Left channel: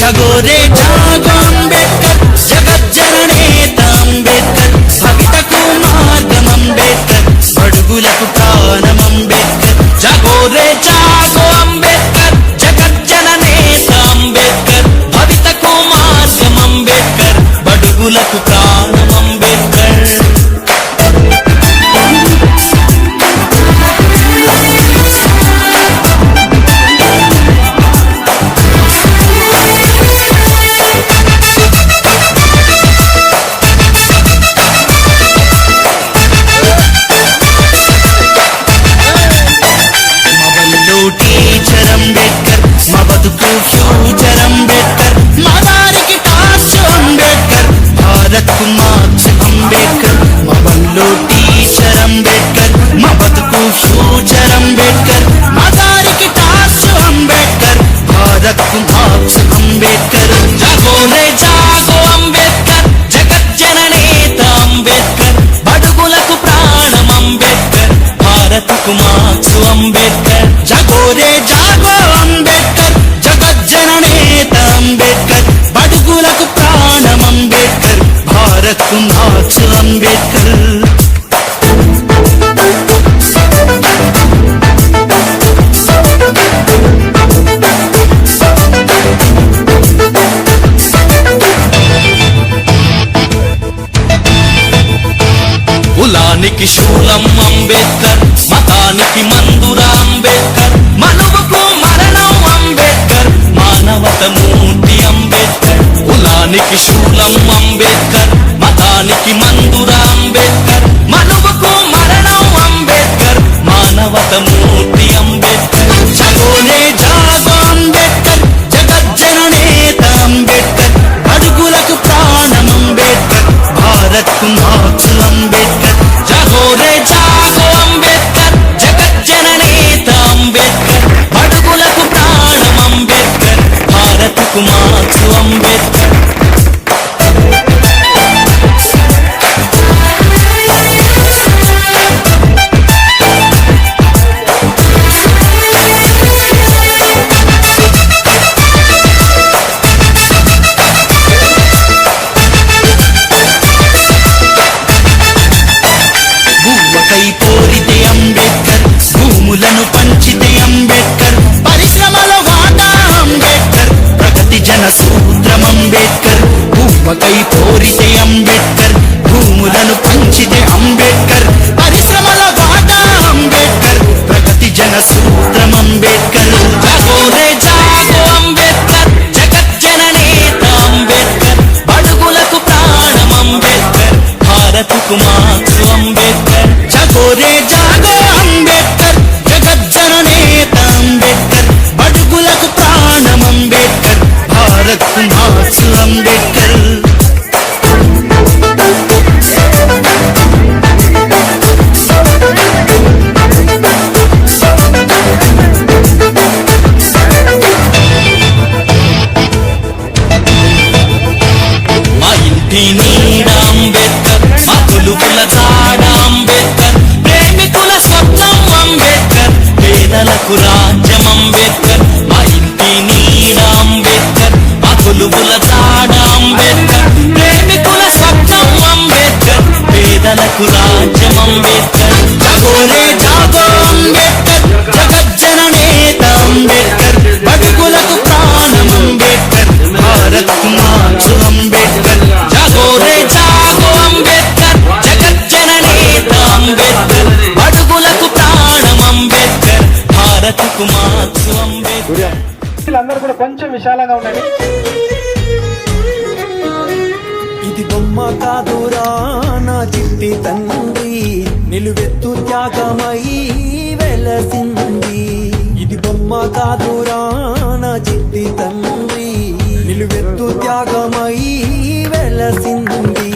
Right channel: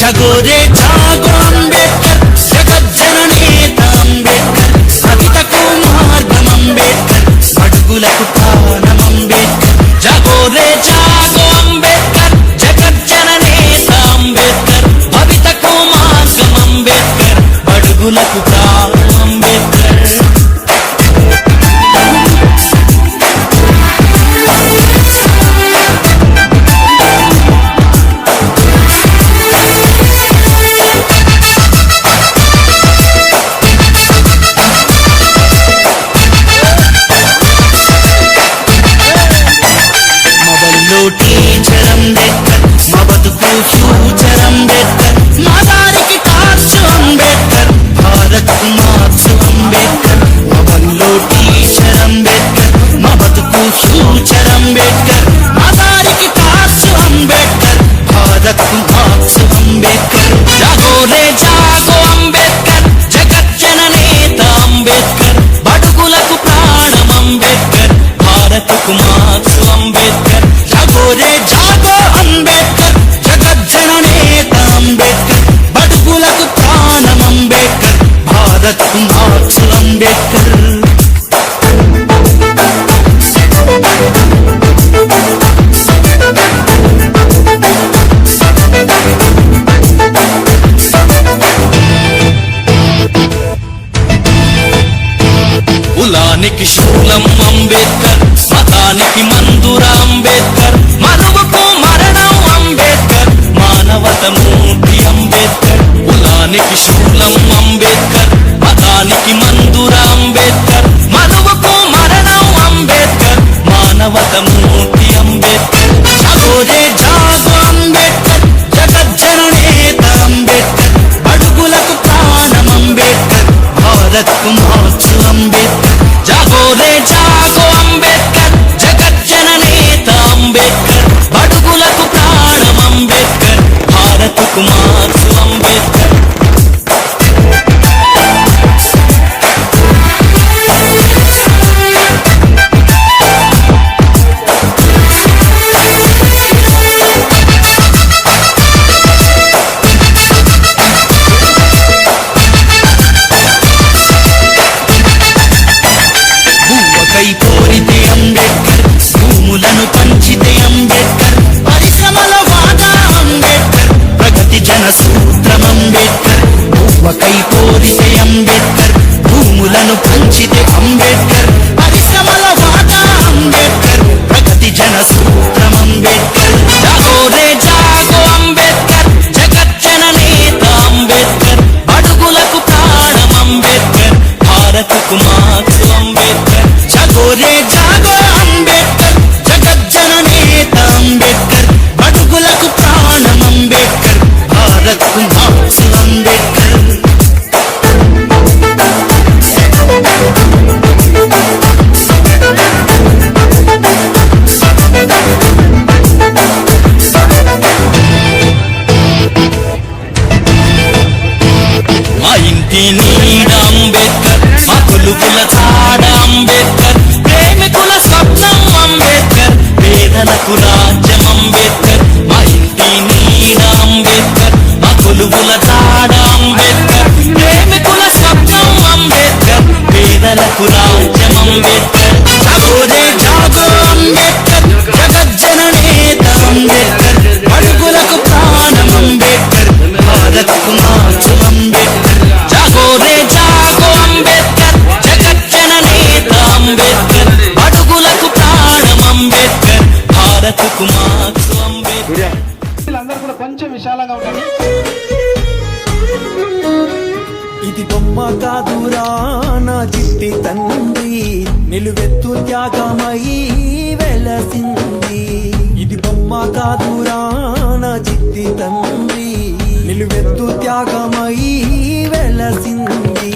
जागोरे जागो अंबेडकर जगज्जननेता अंबेडकर सवितकु మార్గం अंबेडकर అడుగులకు ప్రాణం अंबेडकर जागोरे जागो अंबेडकर जगज्जननेता अंबेडकर भवितकु మార్గం अंबेडकर అడుగులకు ప్రాణం अंबेडकर టీచర్ అంబేద్కర్ మా బతుకు ఫ్యూచర్ అంబేద్కర్ మా దారికి టార్చ్ అంబేద్కర్ భారత్ కు మార్క్స్ అంబేద్కర్ మా వల్లో టీచర్ అంబేద్కర్ మా బతుకు ఫ్యూచర్ అంబేద్కర్ మా దారికి టార్చ్ అంబేద్కర్ భారత్ కు మార్క్స్ అంబేద్కర్ జాగోరే జాగో అంబేద్కర్ జగజ్జననేత అంబేద్కర్ బడుగులకు ప్రాణం అంబేద్కర్ భారత్ కు మార్క్స్ అంబేద్కర్ जागोरे जागो अंबेडकर जगज्जननेता अंबेडकर अडुगुलकु प्राणम अंबेडकर भारत कु మార్క్స్ अंबेडकर కులానికి శూలం అంబేద్కర్ మతానికి మందుర అంబేద్కర్ మనువుకు మరణం అంబేద్కర్ మానవత మూర్తి అంబేద్కర్ కులానికి శూలం అంబేద్కర్ మతానికి మందుర అంబేద్కర్ మనువుకు మరణం అంబేద్కర్ మానవత మూర్తి అంబేద్కర్ జాగోరే జాగో అంబేద్కర్ జగజ్జననేత అంబేద్కర్ అడుగులకు ప్రాణం అంబేద్కర్ భారత్ కు మార్క్స్ అంబేద్కర్ जागोरे जागो अंबेडकर जगज्जननेता अंबेडकर अडुगुलकु प्राणम अंबेडकर भारत कु మార్క్స్ अंबेडकर కోరితే అంబేద్కర్ భూములను పంచితే అంబేద్కర్ పరిశ్రమల వాటా అంబేద్కర్ ప్రగతి జన సూత్రం అంబేద్కర్ భూవకై కోరితే అంబేద్కర్ భూములను పంచితే అంబేద్కర్ పరిశ్రమల వాటా అంబేద్కర్ ప్రగతి జన సూత్రం అంబేద్కర్ జాగోరే జాగో అంబేద్కర్ జగజ్జననేత అంబేద్కర్ అడుగులకు ప్రాణం అంబేద్కర్ భారత్ కు మార్క్స్ అంబేద్కర్ जागोरे जागो अंबेडकर जगज्जननेता अंबेडकर अडुगुलकु प्राणम अंबेडकर भारत कु మార్క్స్ अंबेडकर మా ఇంటి నీడ అంబేద్కర్ మా కొలుకుల చాడ అంబేద్కర్ ప్రేమికుల స్వప్నం అంబేద్కర్ పేదలకు రాజ్యం అంబేద్కర్ మా ఇంటి నీడ అంబేద్కర్ మా కొలువుల చాడ అంబేద్కర్ ప్రేమికుల స్వప్నం అంబేద్కర్ పేదలకు రాజ్యం అంబేద్కర్ జాగోరే జాగో అంబేద్కర్ జగజ్జననేత అంబేద్కర్ అడుగులకు ప్రాణం అంబేద్కర్ భారత్ కు మార్క్స్ అంబేద్కర్ జాగోరే జాగో అంబేద్కర్ జగజ్జననేత అంబేద్కర్ అడుగులకు ప్రాణం అంబేద్కర్ భారత్ కు మార్క్స్ అంబేద్కర్ వీళ్ళందరూ కూడా కొంచెం విశాలంగా ఉండండి. ఇది బొమ్మ కాదురా నా చిట్టి తండ్రి నిలువెత్తు త్యాగమై వెలసింది. ఇది బొమ్మ కాదురా నా చిట్టి తండ్రి నిలువెత్తు త్యాగమై వెలసింది.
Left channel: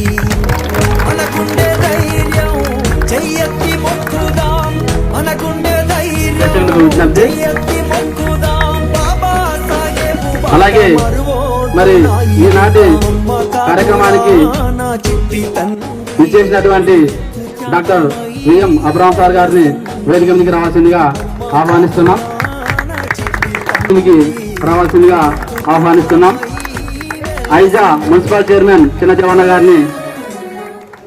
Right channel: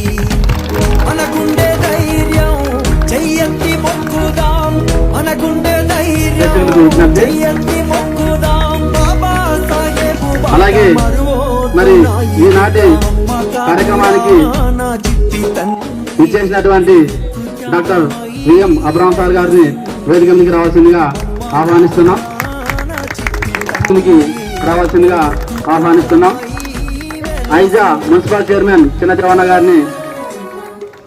మనకుండే ధైర్యం అందరికీ విజ్ఞప్తి. ఎత్తి మొక్కుదాం బాబా సాహెబు అలాగే మరి ఈనాటి కార్యక్రమానికి నా చిట్టి తండ్రి విచ్చేసినటువంటి డాక్టర్ విఎం అబ్రహం సార్ గారిని వేదిక మీదకి రావాల్సిందిగా ఆహ్వానిస్తున్నాం. రావాల్సిందిగా ఆహ్వానిస్తున్నాం. ఐజా మున్సిపల్ చైర్మన్ చిన్న జవాన గారిని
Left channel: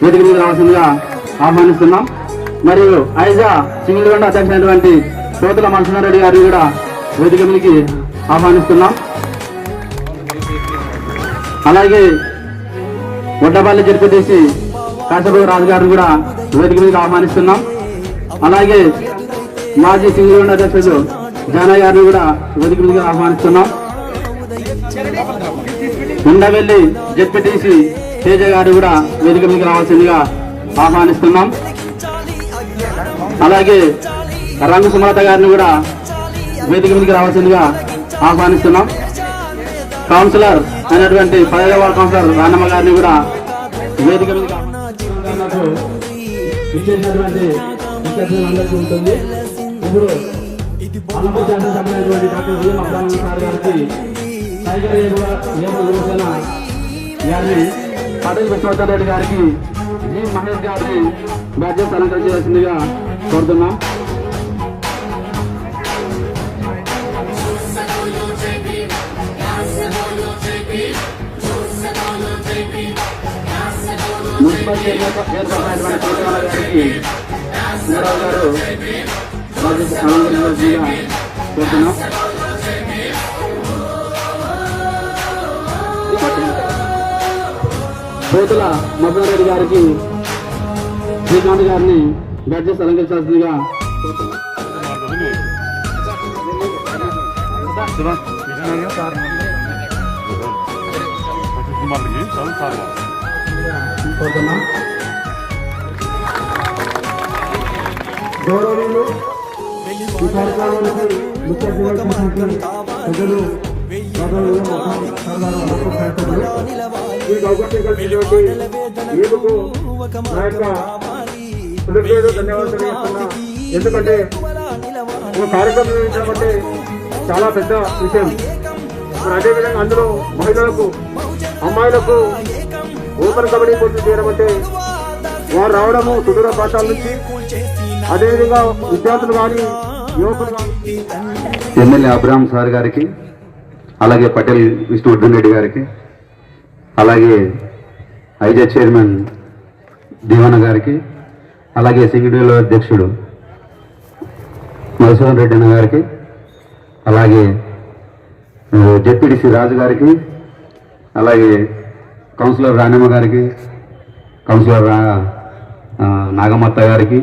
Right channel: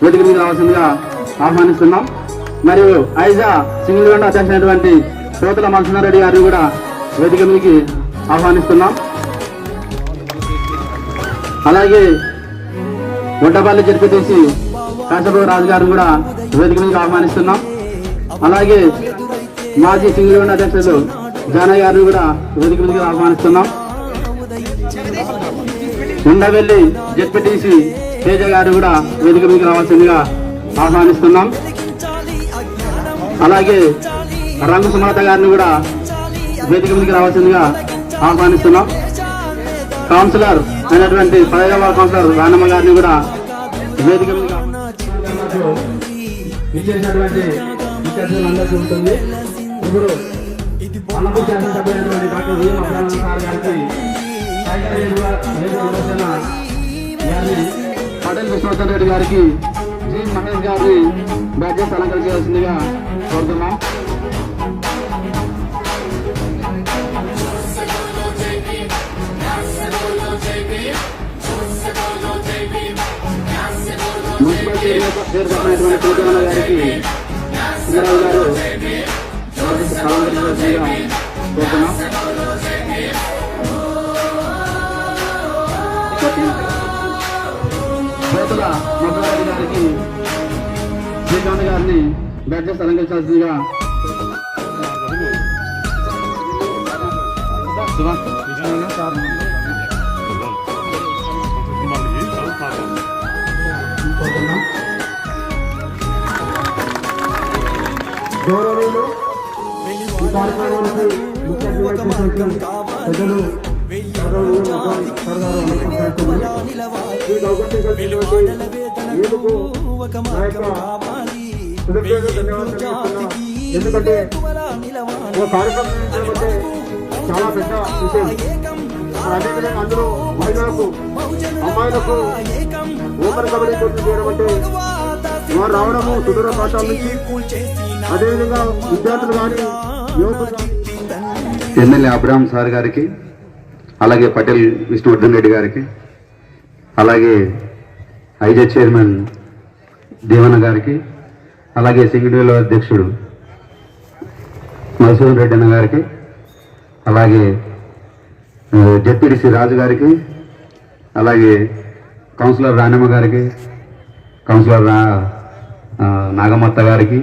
వేదిక మీదకి రావాల్సిందిగా ఆహ్వానిస్తున్నాం. మరియు ఐజా సింగిల్ గంట అధ్యక్షులైనటువంటి కోతల మల్సనారెడ్డి గారిని కూడా వేదిక మీదకి ఆహ్వానిస్తున్నాం. అలాగే గొడ్డపల్లి జడ్పీటీసీ కాశబాబు రాజు గారిని కూడా వేదిక మీదకి ఆహ్వానిస్తున్నాం. అలాగే మాజీ సింగిల్ గంట అధ్యక్షులు జానయ్య గారిని కూడా వేదిక మీదకి ఆహ్వానిస్తున్నాం. ఉండవెల్లి జడ్పీటీసీ తేజ గారు కూడా వేదిక మీదకి రావాల్సిందిగా ఆహ్వానిస్తున్నాం. అలాగే రంగు సుమలత గారిని కూడా వేదిక మీదకి రావాల్సిందిగా ఆహ్వానిస్తున్నాం. కౌన్సిలర్ అయినటువంటి పదవ కౌన్సిలర్ రానమ్మ గారిని కూడా వేదిక మీదకి పటేల్ విశ్వనాథ్ గారికి జి మహేష్ గారిని బ్యాడ్జెస్ అలంకరణ చేయాల్సిందిగా కోరుతున్నాం. మున్సిపల్ చైర్మన్ కోటన్న గారికి సుందరరావు గారు అలంకరించాల్సిందిగా కోరుతున్నాం. కోతుల మధురెడ్డి గారికి శ్రీకాంత్ గారిని బ్యాడ్జెస్ అలంకరించాల్సిందిగా కోరుతున్నాం. గౌరవనీయులు ఒక మార్గం కావాలి వెయ్యి జాతికి వేకువలా నిలవాలి వెలువాడల వేదనకు ఒక మార్గం కావాలి వెయ్యి జాతికి వేకువలా నిలవాలి చాలా పెద్ద విషయం. అదేవిధంగా అందులో మహిళలకు అమ్మాయిలకు ఓపెన్ కబడ్డీ పోటీ చేయడం వారు రావడము సుదూర ప్రాంతాల నుంచి, అదేవిధంగా విద్యార్థులు కానీ ఎమ్మెల్యే అబ్రహం సార్ గారికి, అలాగే పటేల్ విష్ణువర్ధన్ రెడ్డి గారికి, అలాగే ఐజా చైర్మన్ దేవన్న గారికి, అలాగే సింగిల్ అధ్యక్షుడు మధుసూదన్ రెడ్డి అన్న గారికి, అలాగే జెడ్పీటీసీ రాజు గారికి, అలాగే కౌన్సిలర్ రాణమ్మ గారికి, కౌన్సిలర్ నాగమత్త గారికి,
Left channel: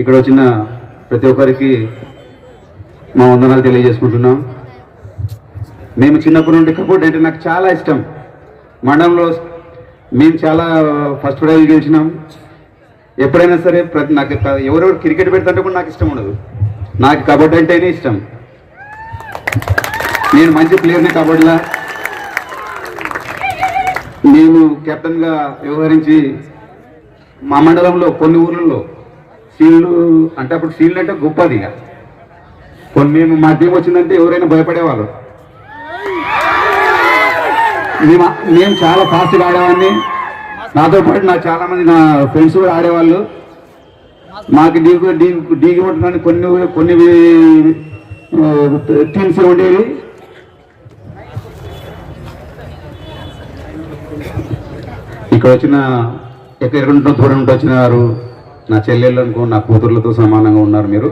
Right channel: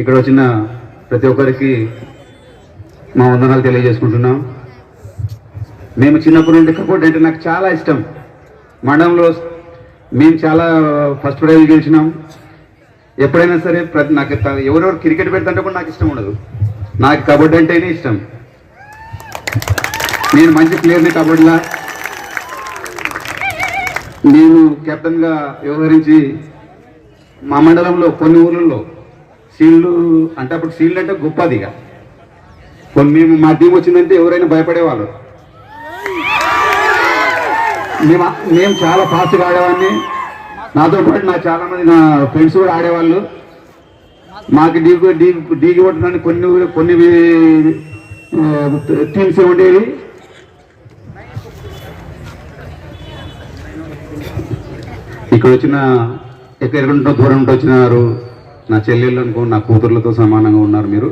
ఇక్కడ వచ్చిన ప్రతి ఒక్కరికి మా వందనాలు తెలియజేసుకుంటున్నాం. మేము చిన్నప్పటి నుండి క్రికెట్ అంటే నాకు చాలా ఇష్టం. మండలంలో మేము చాలా ఫస్ట్ ప్రైజ్ గెలిచినాం. ఎప్పుడైనా సరే నాకు ఎవరెవరు క్రికెట్ పెడతాంటే కూడా నాకు ఇష్టం ఉండదు. నాకు కబడ్డీ అంటేనే ఇష్టం. నేను మంచి ప్లేయర్ని కబడ్డీలా. నేను కెప్టెన్గా వ్యవహరించి మా మండలంలో కొన్ని ఊర్లలో సీల్డ్ అంటే అప్పుడు సీల్డ్ అంటే గొప్పది. ఇక కొన్ని మా టీం వచ్చిందంటే ఎవరైనా భయపడేవాళ్ళు. మేము చాలా ఫాస్ట్గా ఆడేవాడిని. నాతో పాటు చాలా మంది నా ఫ్రెండ్స్ కూడా ఆడేవాళ్ళు. మాకు డీకి కొట్టడానికి కొన్ని టీమ్స్ ఉండేవి. ఇక్కడ వచ్చిన ఎక్కడికంటే దూరం నుండి వచ్చిన వారు నా చెల్లెళ్ళకు నా కూతుర్లతో సమానంగా ఉన్నారు. మీరు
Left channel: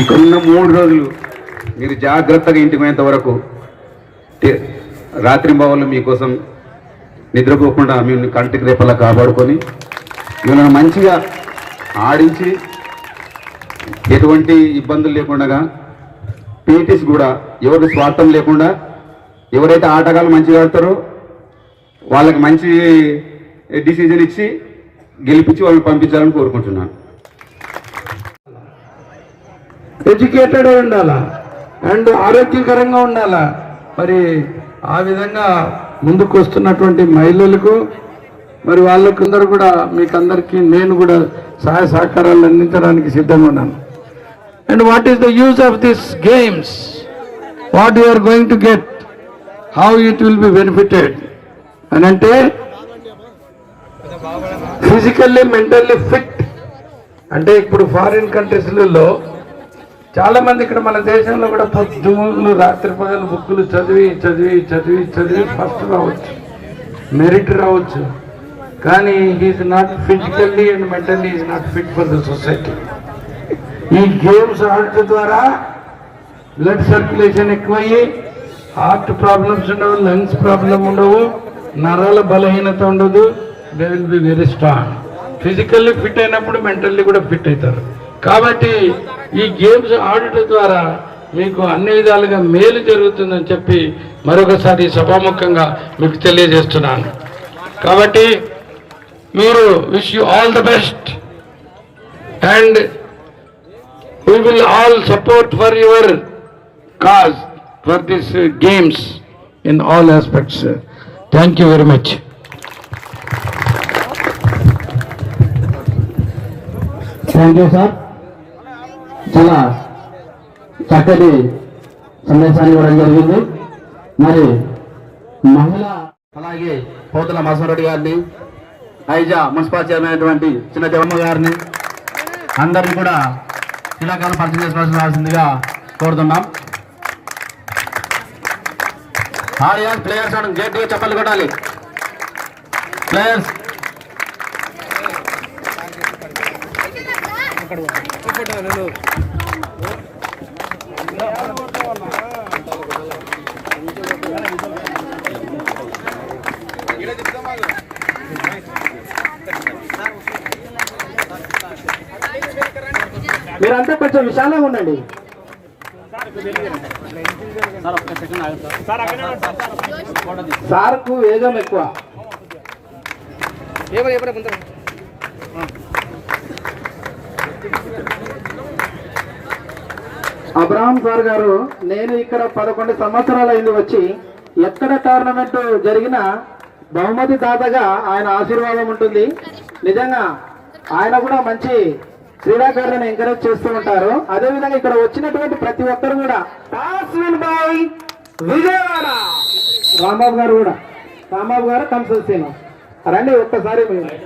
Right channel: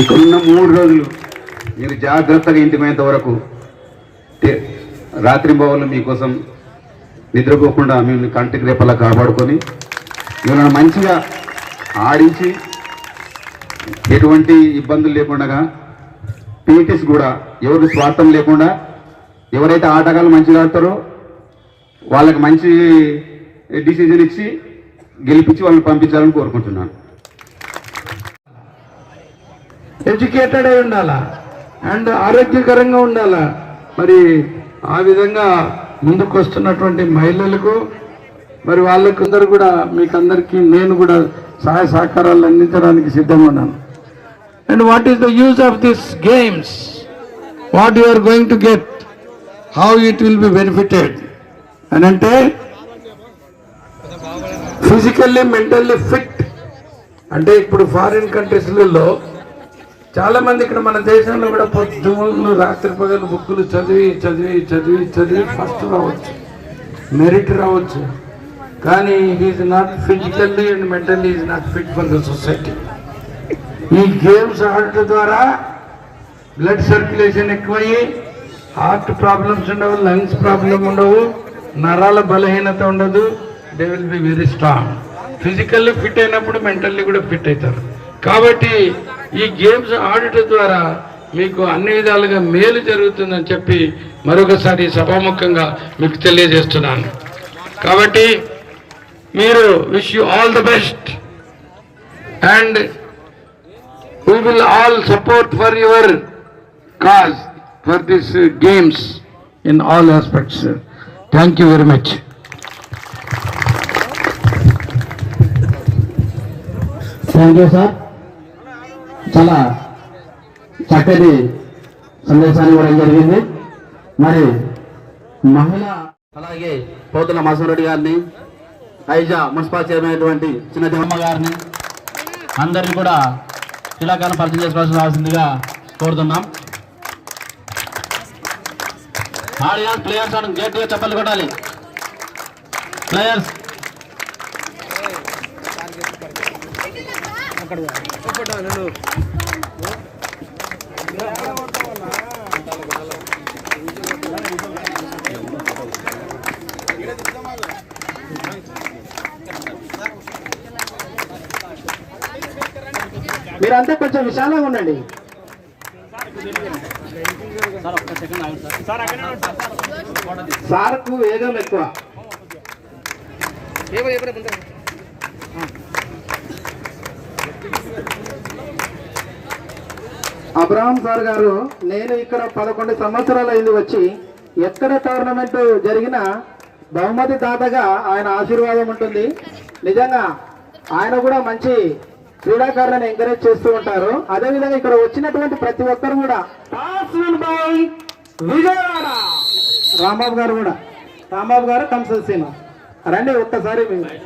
ఇక్కడ ఉన్న 3 రోజులు మీరు జాగ్రత్తగా ఇంటికి పోయేంత వరకు రాత్రింబవళ్ళు మీకోసం నిద్రపోకుండా మేము కంటికి రేపలా కాపాడుకొని మిమ్మల్ని మంచిగా ఆడించి ఎటువంటి ఇబ్బందులు లేకుండా పీటీస్ కూడా ఎవరి స్వార్థం లేకుండా ఎవరైతే ఆటగాళ్ళు మంచిగా ఆడతారో వాళ్ళకి మంచి డిసిజన్ ఇచ్చి గెలిపించి వాళ్ళని పంపించాలని కోరుకుంటున్నాను. ఎడ్యుకేటెడ్ అయి ఉండాలా అండ్ ఆరోగ్యకరంగా ఉండాలా. మరి ఆ విధంగా ముందుకు వస్తున్నటువంటి మహిళలకు మరి వాళ్ళకు అందరూ కూడా మీకు అందరికీ నేను కూడా సహాయ సహకారాలు అందించడానికి సిద్ధంగా ఉన్నాను. And what is the use of this games, what you are going to get, how it will be benefited అని అంటే ఫిజికల్లీ మెంటల్లీ ఫిట్. అంటే ఇప్పుడు ఫారిన్ కంట్రీస్లలో చాలా మంది, ఇక్కడ మన దేశంలో కూడా పొద్దులు రాత్రి పగలు బుక్కులు చదివి చదివి చదివి చదివి ఫస్ట్ రావచ్చు, మెరిట్ రావచ్చు, కానీ he is not physically and mentally is not fit for the society. ఈ గేమ్స్ ఆడటం ద్వారా బ్లడ్ సర్క్యులేషన్ ఎక్కువయ్యి హార్ట్ ప్రాబ్లమ్స్ ఉండవు, లంగ్స్ ప్రాబ్లం ఉండవు, నరాల బలహీనత ఉండదు. They will be very strong. Physically fit అయినప్పుడు మెంటల్లీ కూడా ఫిట్ అవుతారు. కాబట్టి ఈ గేమ్స్ ఆడటం ద్వారా మీకు అన్ని విధాలుగా మేలు జరుగుతుందని చెప్పి మరొకసారి సభాముఖంగా మీకు తెలియజేస్తున్నాను. కాబట్టి మీరు wish you all the best and we will all support for your cause for these games in all aspects. Thank you very much. Thank you sir. చాలా చక్కటి సందేశాన్ని ఇవ్వడం జరిగింది. మరి మహిళ అలాగే పోతుల మాసూరెడ్డి గారిని, ఐజా మున్సిపల్ చైర్మన్ అయినటువంటి చిన్న దేవమ్మ గారిని అందరినీ కూడా క్రీడాకారులను పరిచయం చేసుకోవాల్సిందిగా కోరుతున్నాం. ఆడియన్స్ ప్లేయర్స్ అని గట్టిగా చప్పట్లు కొట్టాలి. ప్లేయర్స్ మీరంతా కొంచెం విశాలంగా ఉండండి. సార్కు వేగం ఎక్కువ. అబ్రహాం సార్ గారు, నేను ఇక్కడ 11 సంవత్సరాలు అయింది వచ్చి, ఎక్కడ టోర్నమెంట్ జరిగినా బహుమతి దాతగా ఆయన ఆశీర్వాదం ఉంటుంది. నిజంగా ఆయన కూడా మంచి క్రీడాకారులను ఎంకరేజ్ చేస్తూ ఉంటారు. అదేవిధంగా ఇక్కడ వచ్చినటువంటి ప్రతి ఒక్కరు కూడా విజయవాడ రాంబాబు గారు కూడా, రాంబాబు గారు కంసల్సీమ రండి ఒక్కసారి. మీరు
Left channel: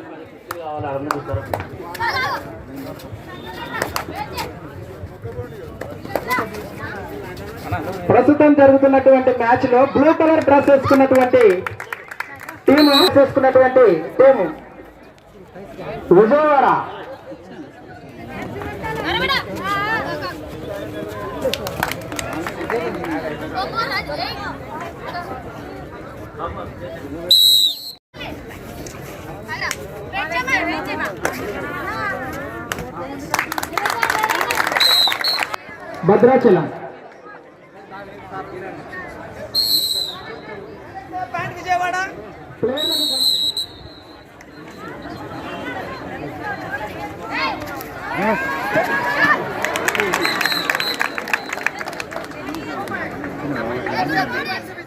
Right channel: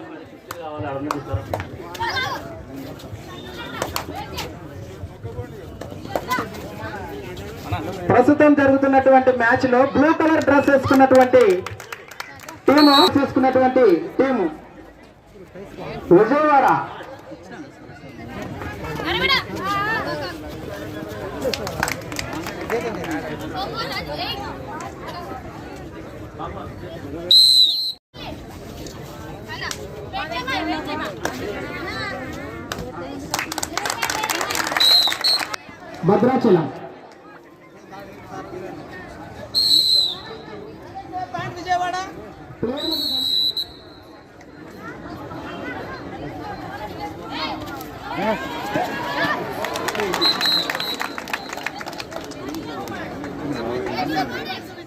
ప్రస్తుతం జరుగుతున్నటువంటి మ్యాచ్ లో బ్లూ కలర్ డ్రెస్ వేసుకున్నటువంటి టీము విజయవాడ. భద్రాచలం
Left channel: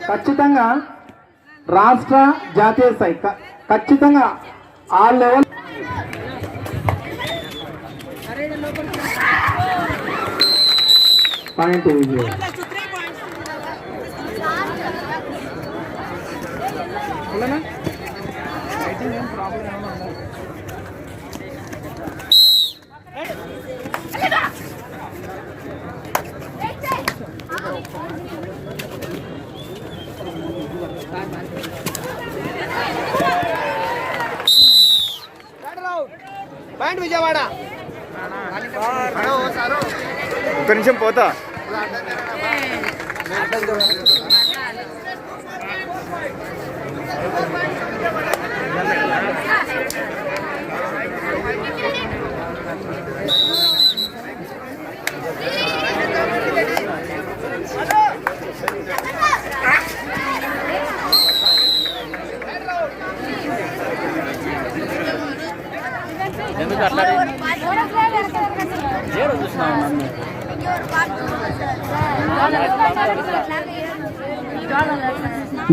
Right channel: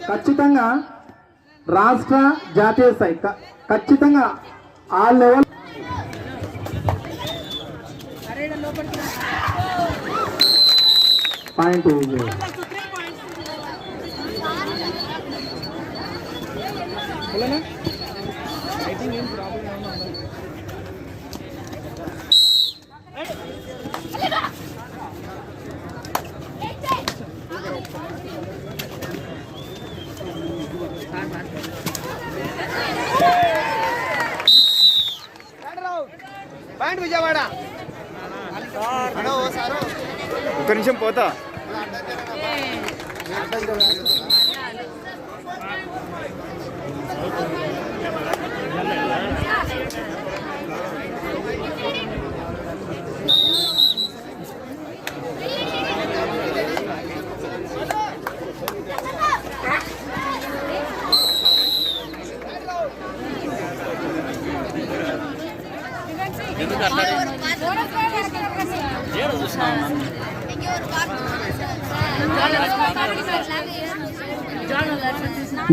ఖచ్చితంగా రాష్ట్ర జాతీయ స్థాయి ఖచ్చితంగా ఆ లెవెల్ పాయింట్. విజయవాడ ఒక్క నిమిషం పోతా.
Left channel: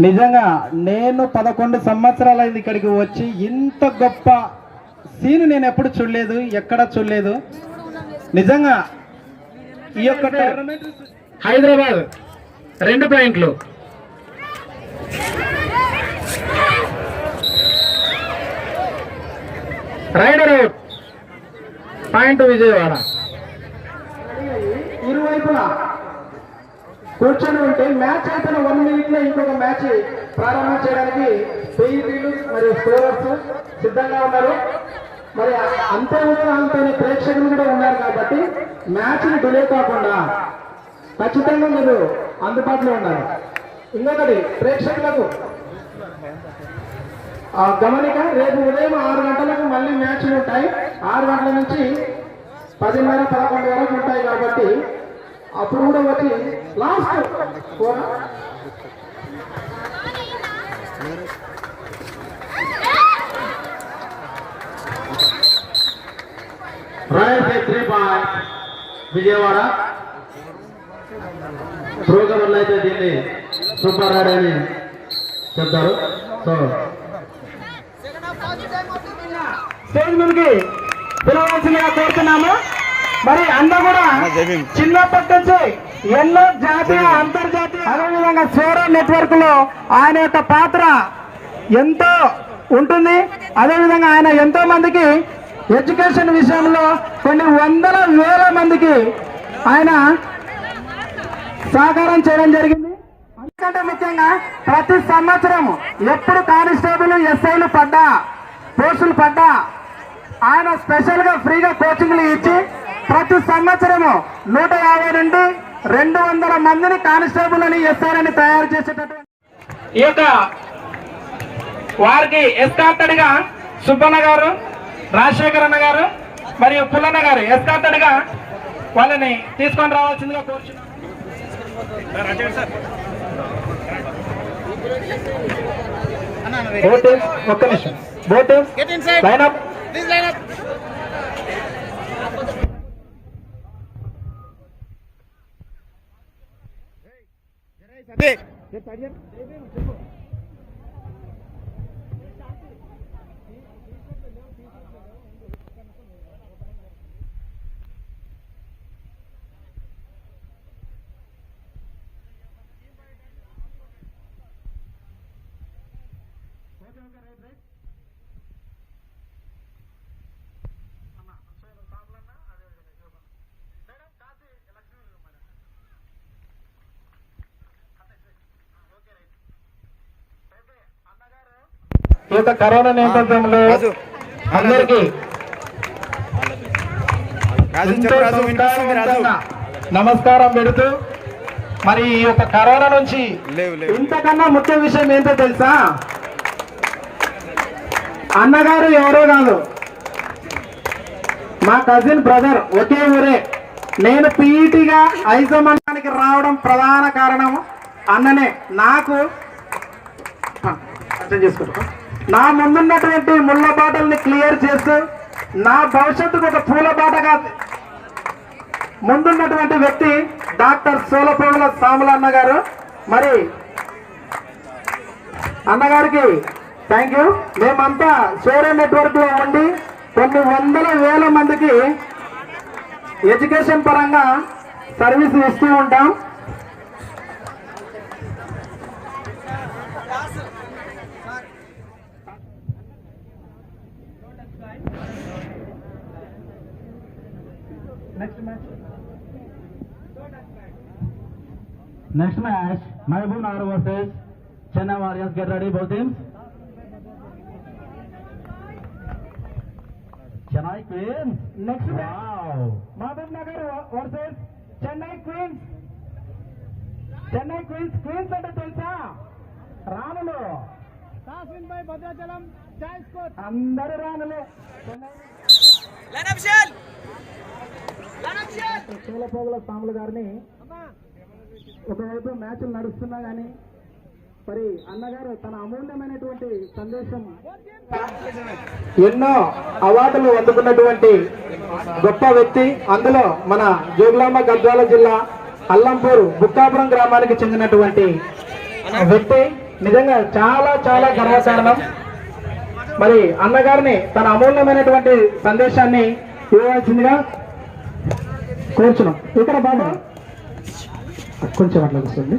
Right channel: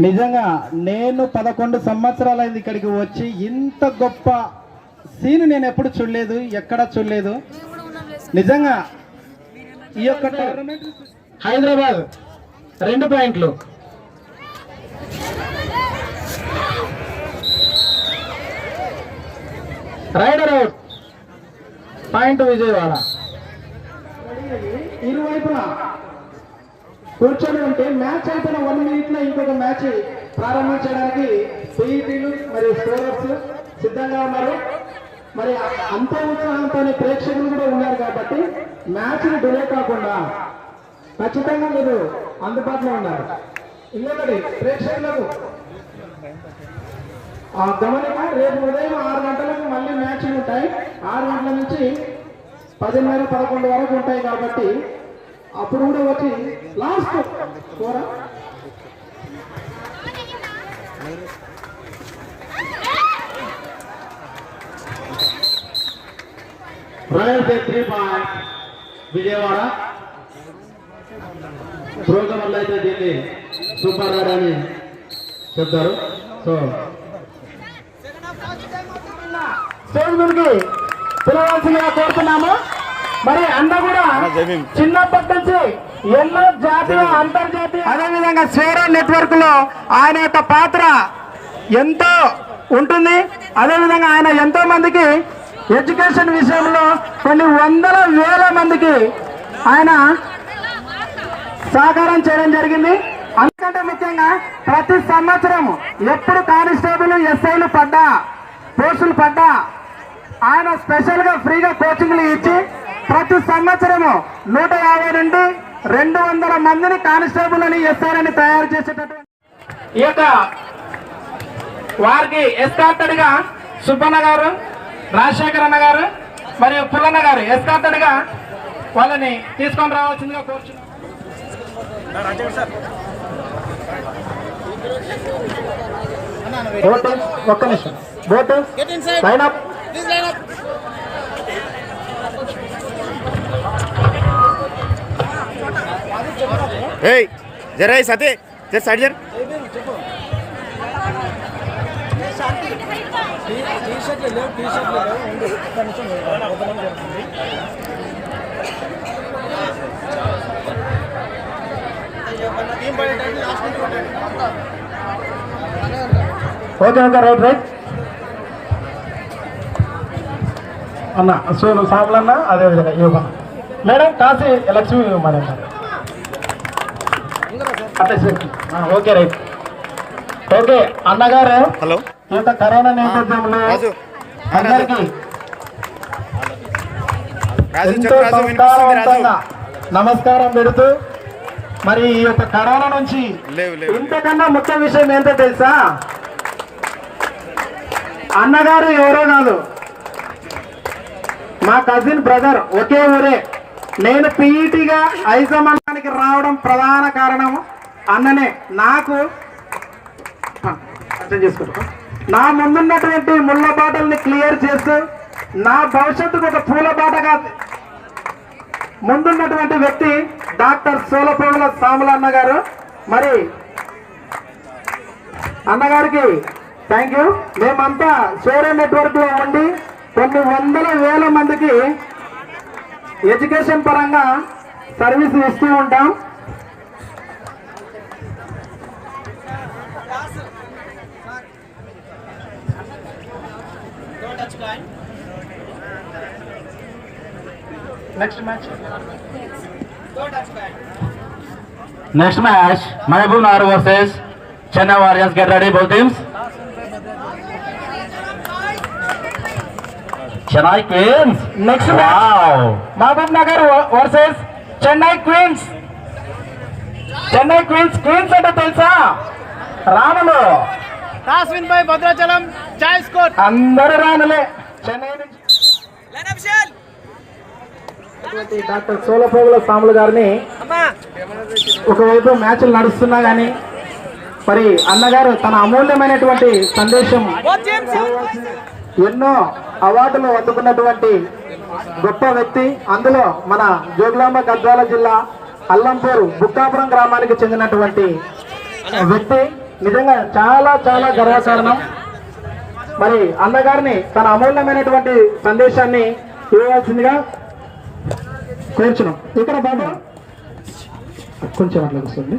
నిజంగా నేను 11 సంవత్సరాలైంది ఇక్కడికి వచ్చి, ఇంత గొప్ప సీన్ నేను ఎప్పుడు చూడలేదు, ఎక్కడ చూడలేదు. నిజంగా ఈ యొక్క టోర్నమెంట్ హైదరాబాద్ 2 పాయింట్లు, రైడర్ అవుట్ పాయింట్ విజయవాడ. ఇరువైపులా కూర్చొని ఉంటే మ్యాచ్ అయిపోయిన 1 మినిట్ లో ఇంకొక మ్యాచ్ ప్రారంభించడానికి పీఈటీలు మరియు స్కోరర్స్ సిద్ధంగా ఉన్నారు. మరి అంతే ఉత్సాహంతో ప్రేక్షకులు కూడా ఉన్నారు కాబట్టి మ్యాచ్ ని డిలే కాకుండా ఖచ్చితంగా మీరు అందుబాటులో ఉన్నారు. ఇంకొకటి ప్రేక్షకులకు గమనిక, రేపు ఉదయం 6 గంటలకు మళ్ళీ మ్యాచ్లు ఉంటాయి. 6 గంటల నుంచి 10:30, 11 వరకు ఉంటాయి కాబట్టి అప్పుడు కూడా వచ్చి లాస్ట్ కూడా రాయల్ 3 పాయింట్ విజయవాడ. ప్రోగ్రాంలో అయితే దీన్ని సూపర్ రైడ్ అని చెప్తారు. సో స్టేజ్ మీదకి పిలవాల్సిందిగా కోరుతున్నాము. మరి అన్న కూడా చిన్నప్పటి నుంచి ఎన్నో జాతీయ అంతర్జాతీయ అదేవిధంగా స్వేరా నెట్వర్క్ లో ఆయన యొక్క పాత్ర ఎంతో ఉంటుంది. అదేవిధంగా ఆయన ఎంతో మందికి ఎడ్యుకేషన్ విషయంలో కొన్ని వందల వేల మందికి ఆయన సహకారం చేయడం జరిగింది. అందుకంటే ముఖ్యంగా ప్రతి సంవత్సరం ఎప్పుడు కానిస్టేబుల్ ఎస్ఐలు పడ్డా, పోస్టులు పడ్డా ఆయన స్పెషల్ గా ఫ్రీగా కోచింగ్లు ఇచ్చి ప్రతి సంవత్సరము 150 నుండి 200 మందిని కానిస్టేబుల్ అని ఎస్ఐలని తయారు చేసేటటువంటి ఈ యొక్క వారికి ఎస్కార్టెడ్ గా సుబ్బన్న గారు, రాజశేఖర్ అన్న గారు మరియు పుల్లన్న గారు ఎస్కార్టెడ్ గా వాళ్ళని తీసుకొని రావాల్సిందిగా కోరుచున్నాం. ఒక్క నిమిషం. Boat lineup. ఏయ్ జరా సతే జర సైడ్ జర. ఓకే ఓకే రైట్ రైట్ అన్న. సోను సాములన్న అదేవిధంగా Yoga madam Kashi Lakshmi madam. Okay right. Okay అన్నగారు, హలో, ఈ యొక్క కరోనా నేపథ్యంలో అందరికీ నమస్కారం పెడుతూ మరి ఈ యొక్క కరోనా నుంచి ఇంతకన్నా ముఖ్య విషయం ఏంటో తెలుసా? అన్నగారు ఎవరో కాదు, మా కజిన్ బ్రదర్, ఒకే ఊరే. నేను పీఈటీగా ఐజమానానికి రావడం ప్రధాన కారణం అన్ననే. నాకు అర్థం చేసుకుంటా, నా ముందున్నటువంటి ముళ్ళ బాటల్ని క్లియర్ చేస్తూ నా భవిష్యత్తుకు ఒక పూల బాటగా ముందున్నటువంటి వ్యక్తి డాక్టర్ సోలపోగుల సాములన్న గారు. మరి అన్నగారికి థ్యాంక్ యూ. మేమంతా షేర్ నెట్వర్క్ లో ఉండి కొన్ని వందల వేల మందికి ఎడ్యుకేషన్ పరంగా సర్వీస్ ఇస్తూ ఉంటాం. Next match Mahbubnagar versus Chennai warriors. Get ready both teams. Chennai queens. Next Mahbubnagar versus Chennai queens. Chennai queens. Queens అంటే తెలుసా? రాణులు. కాస్విన్ బై భద్రాచలం చాయ్ స్కోర్. అందరూ రాణులే. చెన్నై డాక్టర్ సోలపోగుల సాములు గారిని ఒకవైపు మ్యాచ్లు నడుస్తున్నా కానీ మరి అన్నగారు తన అమూల్యమైనటువంటి సందేశం, ఎన్నో అవార్డులు అందుకున్నటువంటి గొప్ప వ్యక్తి. అందులో మన జోగులాంబ గద్వాల జిల్లా అల్లంపూర్ బుక్కాపురం గ్రామానికి చెందినటువంటి వ్యక్తి. నిజంగా చాలా చాలా గర్వకారణం. మరి అన్నగారిని తన అమూల్యమైనటువంటి సందేశాన్ని ఇవ్వవలసిందిగా కోరుచున్నాం. ఇక్కడ బాబు కొంచెం అట్లా వస్తుంది.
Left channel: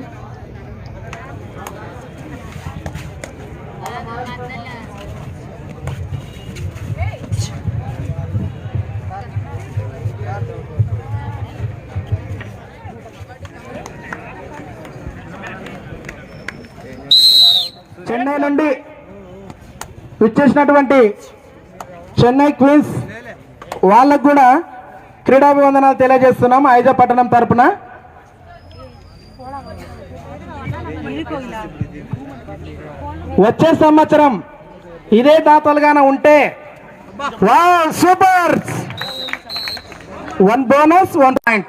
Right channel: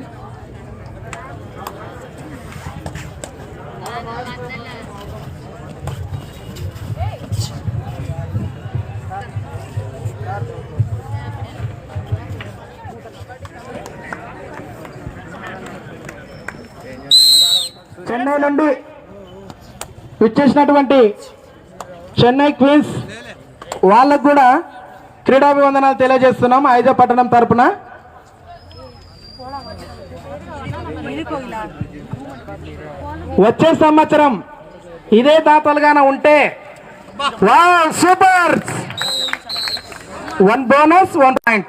చెన్నై నుండి ఇచ్చేసినటువంటి చెన్నై క్వీన్స్ వాళ్ళకు కూడా క్రీడాభివందనాలు తెలియజేస్తున్నాం ఐజా పట్టణం తరపున. వచ్చే సంవత్సరం ఇదే దాతలుగాన ఉంటే వావ్ సూపర్ 1 బోనస్ 1 పాయింట్.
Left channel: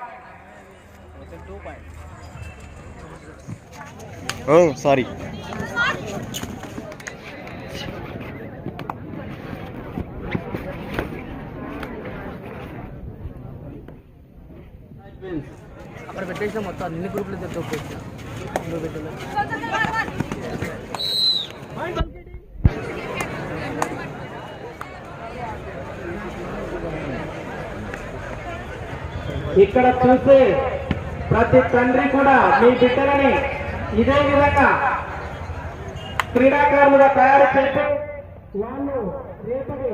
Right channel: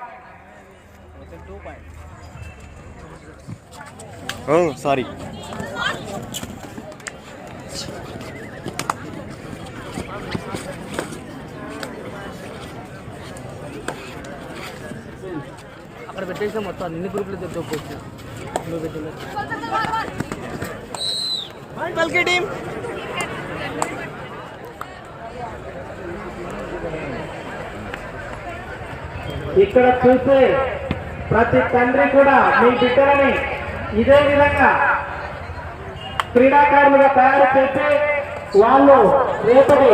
ఓ సారీ. అక్కడ పెట్టేసిన మొత్తం అన్ని గ్రూపులు తెచ్చుకోవచ్చు. ఇక్కడ చూసే ప్రతి తండ్రి కూడా మీ బిడ్డలని ఇదే విధంగా క్రీడాకారులుగా తయారు చేసి వాళ్ళు రేపటి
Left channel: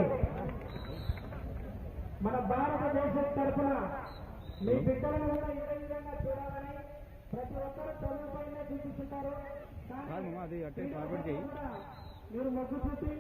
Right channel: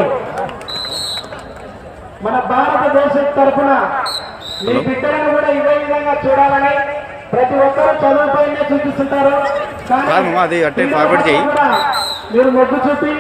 మన భారతదేశం తరఫున మీ బిడ్డలను కూడా ఇదే విధంగా చూడాలని ప్రతి ఒక్కరూ చదువుపైనే చూపిస్తుంటారు. కాదు అది అట్టే ఫార్వర్డ్ చేయి. మీరు మొగ్గు చూపి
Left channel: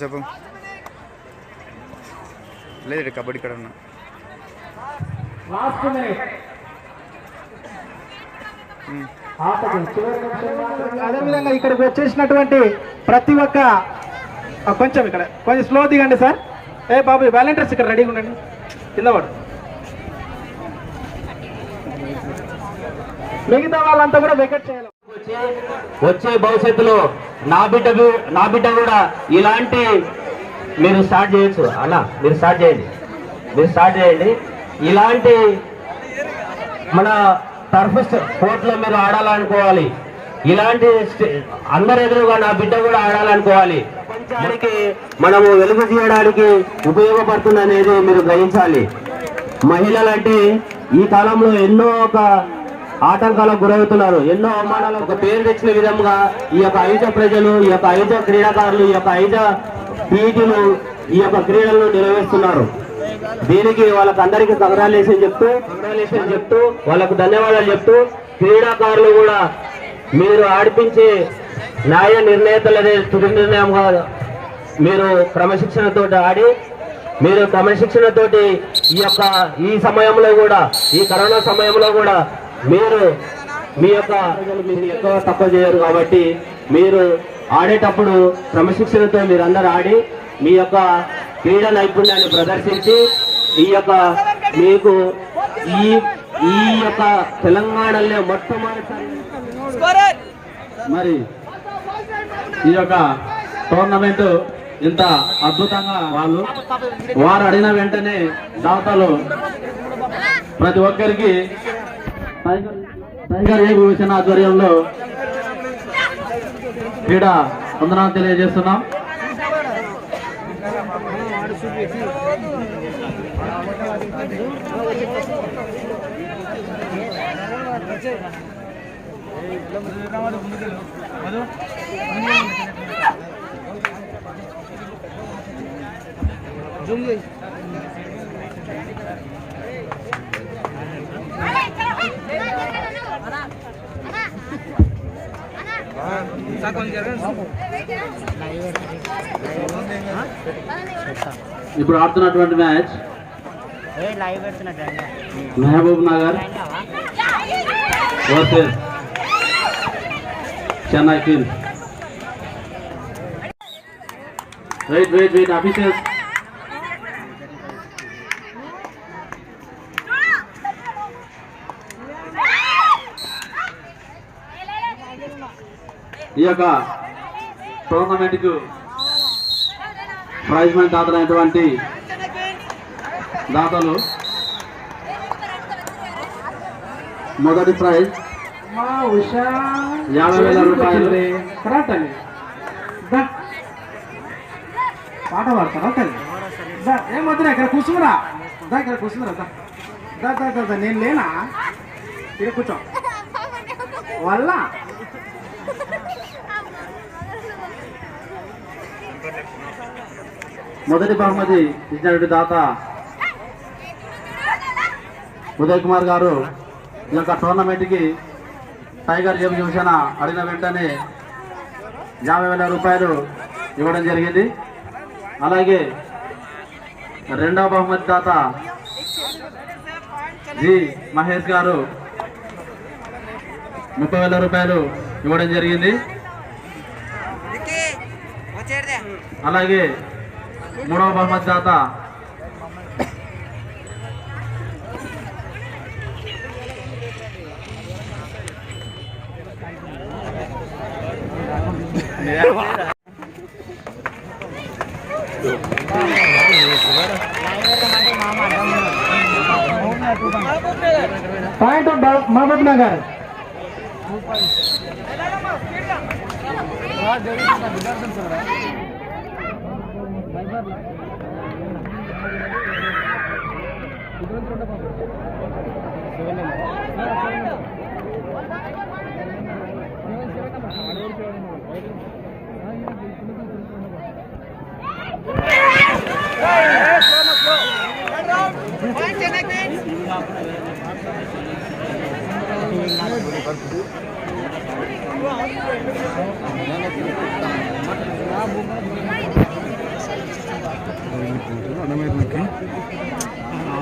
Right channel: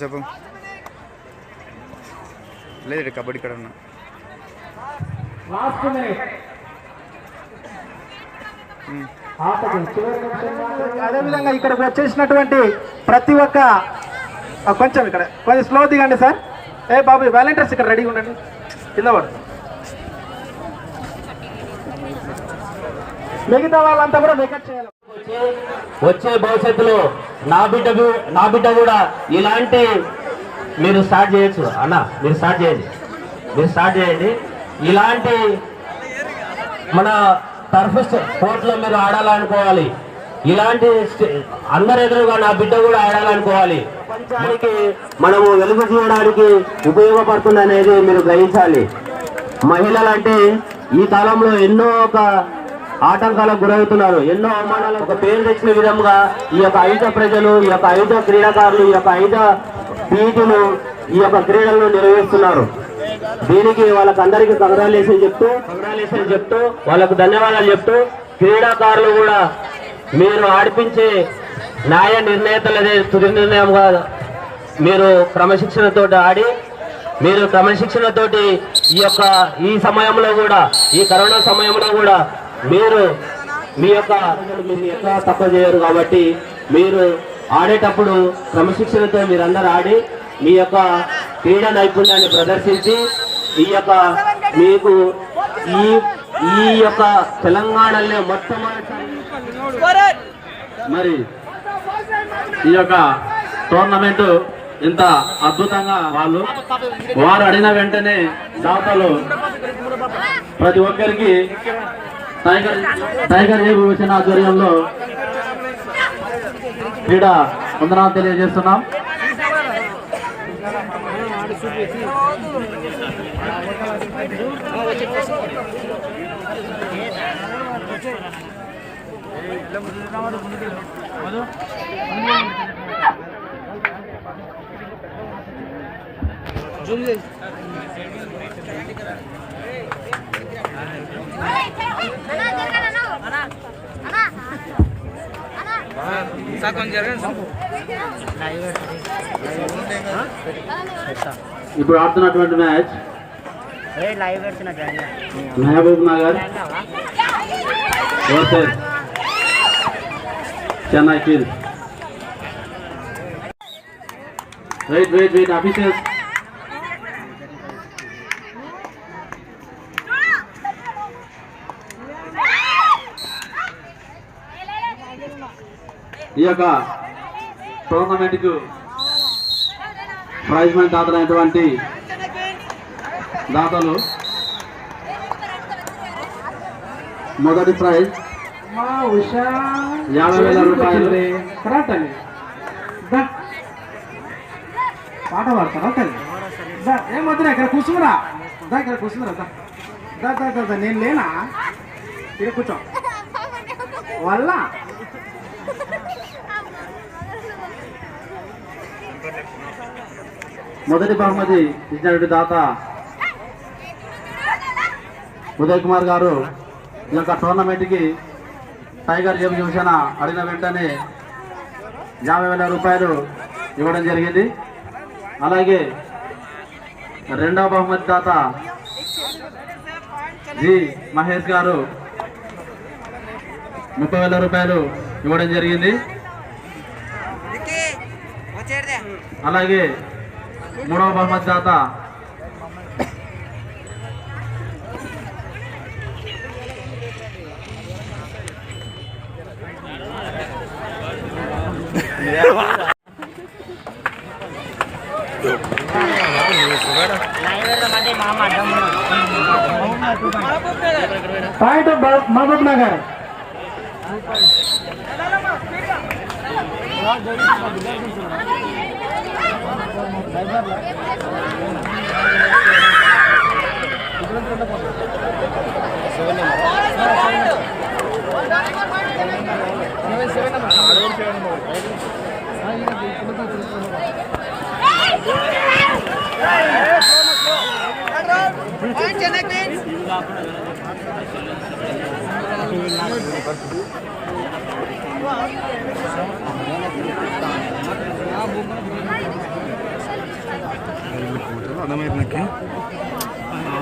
చెప్పు. లేదు కబడ్డీ ఇక్కడ ఉన్నా. అదేవిధంగా ఇక్కడికి వచ్చేసినటువంటి ప్రతి ఒక్క కొంచెం ఇక్కడ కొంచెం స్లో దిగండి సార్. ఏ బాబు వాలంటీర్స్ ఇక్కడ రెడీగా ఉండండి. కింద వాడు మిగతా వాళ్ళంతా కూడా వెకెట్ చేయాలి. వచ్చే భవిష్యత్తులో నా బిడ్డ కూడా ఇలాంటి మీరు స్టార్ట్ చేయొచ్చు అన్న. మీరు స్టార్ట్ చేయండి. ఇలాంటి మన టర్ఫ్ స్పోర్ట్స్ లో మీరు ఆడాలనుకోవాలి. ఇలాంటి అందరి ఎదురుగా నా బిడ్డ కూడా ఆడాలనుకోవాలి. ప్రపంచానికి మనము వెలుగు తీయడానికి ఉపయోగపడుతుంది అనేది మీరు గ్రహించాలి. మహిళలంటే ఈ కాలంలో ఎన్నో ఆటంకాలకు గురవుతున్నారు. ఎన్నో అవమానాలకు ఒక పేరు తెచ్చిన విధంగా ఈ యొక్క ఐజ ప్రజలు, ఈ యొక్క ఐజ క్రీడాకారులు, ఈ యొక్క ఐజ పీటీలు ఈ యొక్క క్రీడలను నిర్వహిస్తున్నారు. దీనికి వాళ్ళకు అందరికీ కంగ్రాచులేషన్ చెప్తూ వాళ్ళకు ధన్యవాదాలు చెప్తూ, క్రీడాకారులు కూడా మీరు ఆడిపించే న్యాయ నిర్ణేతలనే తుది నిర్ణయంగా మీరు క్రమశిక్షణతో ఆడి, మీరు క్రమశిక్షణతోటి ఈ సమయంలో కూడా, ఈ కరోనా సమయంలో కూడా మీరు మీ యొక్క తక్కువ చేయరు. కాబట్టి మీరు ఆడేటప్పుడు క్రమశిక్షణతో మీరందరూ ఆడి మీ యొక్క క్రీడా నైపుణ్యాన్ని ప్రదర్శించి మీకు ఈ యొక్క తెలంగాణలో మొట్టమొదటిసారి మరి ఈ యొక్క టోర్నమెంట్ ఇంత అద్భుతంగా వారు అడిగిన వెంటనే దాతలు ప్రతి ఒక్కరికి టైగర్ ఏ విభూషణ ఆధ్వర్యంలో క్రీడా వందనాలు తెలియజేస్తున్నాం. ఇప్పుడు ఆడుతున్నటువంటి match Mahbubnagar versus Chennai Queens. Wait officials. ఈ యొక్క టోర్నమెంట్కు ప్రైజ్ మనీ దాతలైనటువంటి దాతలు మొదటి ప్రైజ్ 50,000 రూపాయలు. కరెక్ట్ అండి. పాట పాడతారా తల్లి? ఏం వద్దురా, ఇక్కడ కూర్చున్నారా? ఇక్కడ కూర్చున్నారా? నేను లేనా? ఇక్కడ కూర్చో వల్ల మొదటి బహుమతి ఇచ్చినటువంటి దాత ఉదయ్ కుమార్ గారు ఈ యొక్క టోర్నమెంట్కి టైగర్ జేబు చూసిన అడిగిన వెంటనే 50,000 రూపాయలు ఇవ్వడం జరిగింది. అలాగే రెండవ బహుమతి దాత జి మహేష్ గారు 30,000 రూపాయలు ఇవ్వడం జరిగింది. అలాగే మూడవ బహుమతి దాత పాయింట్ మహబూబ్ నగర్.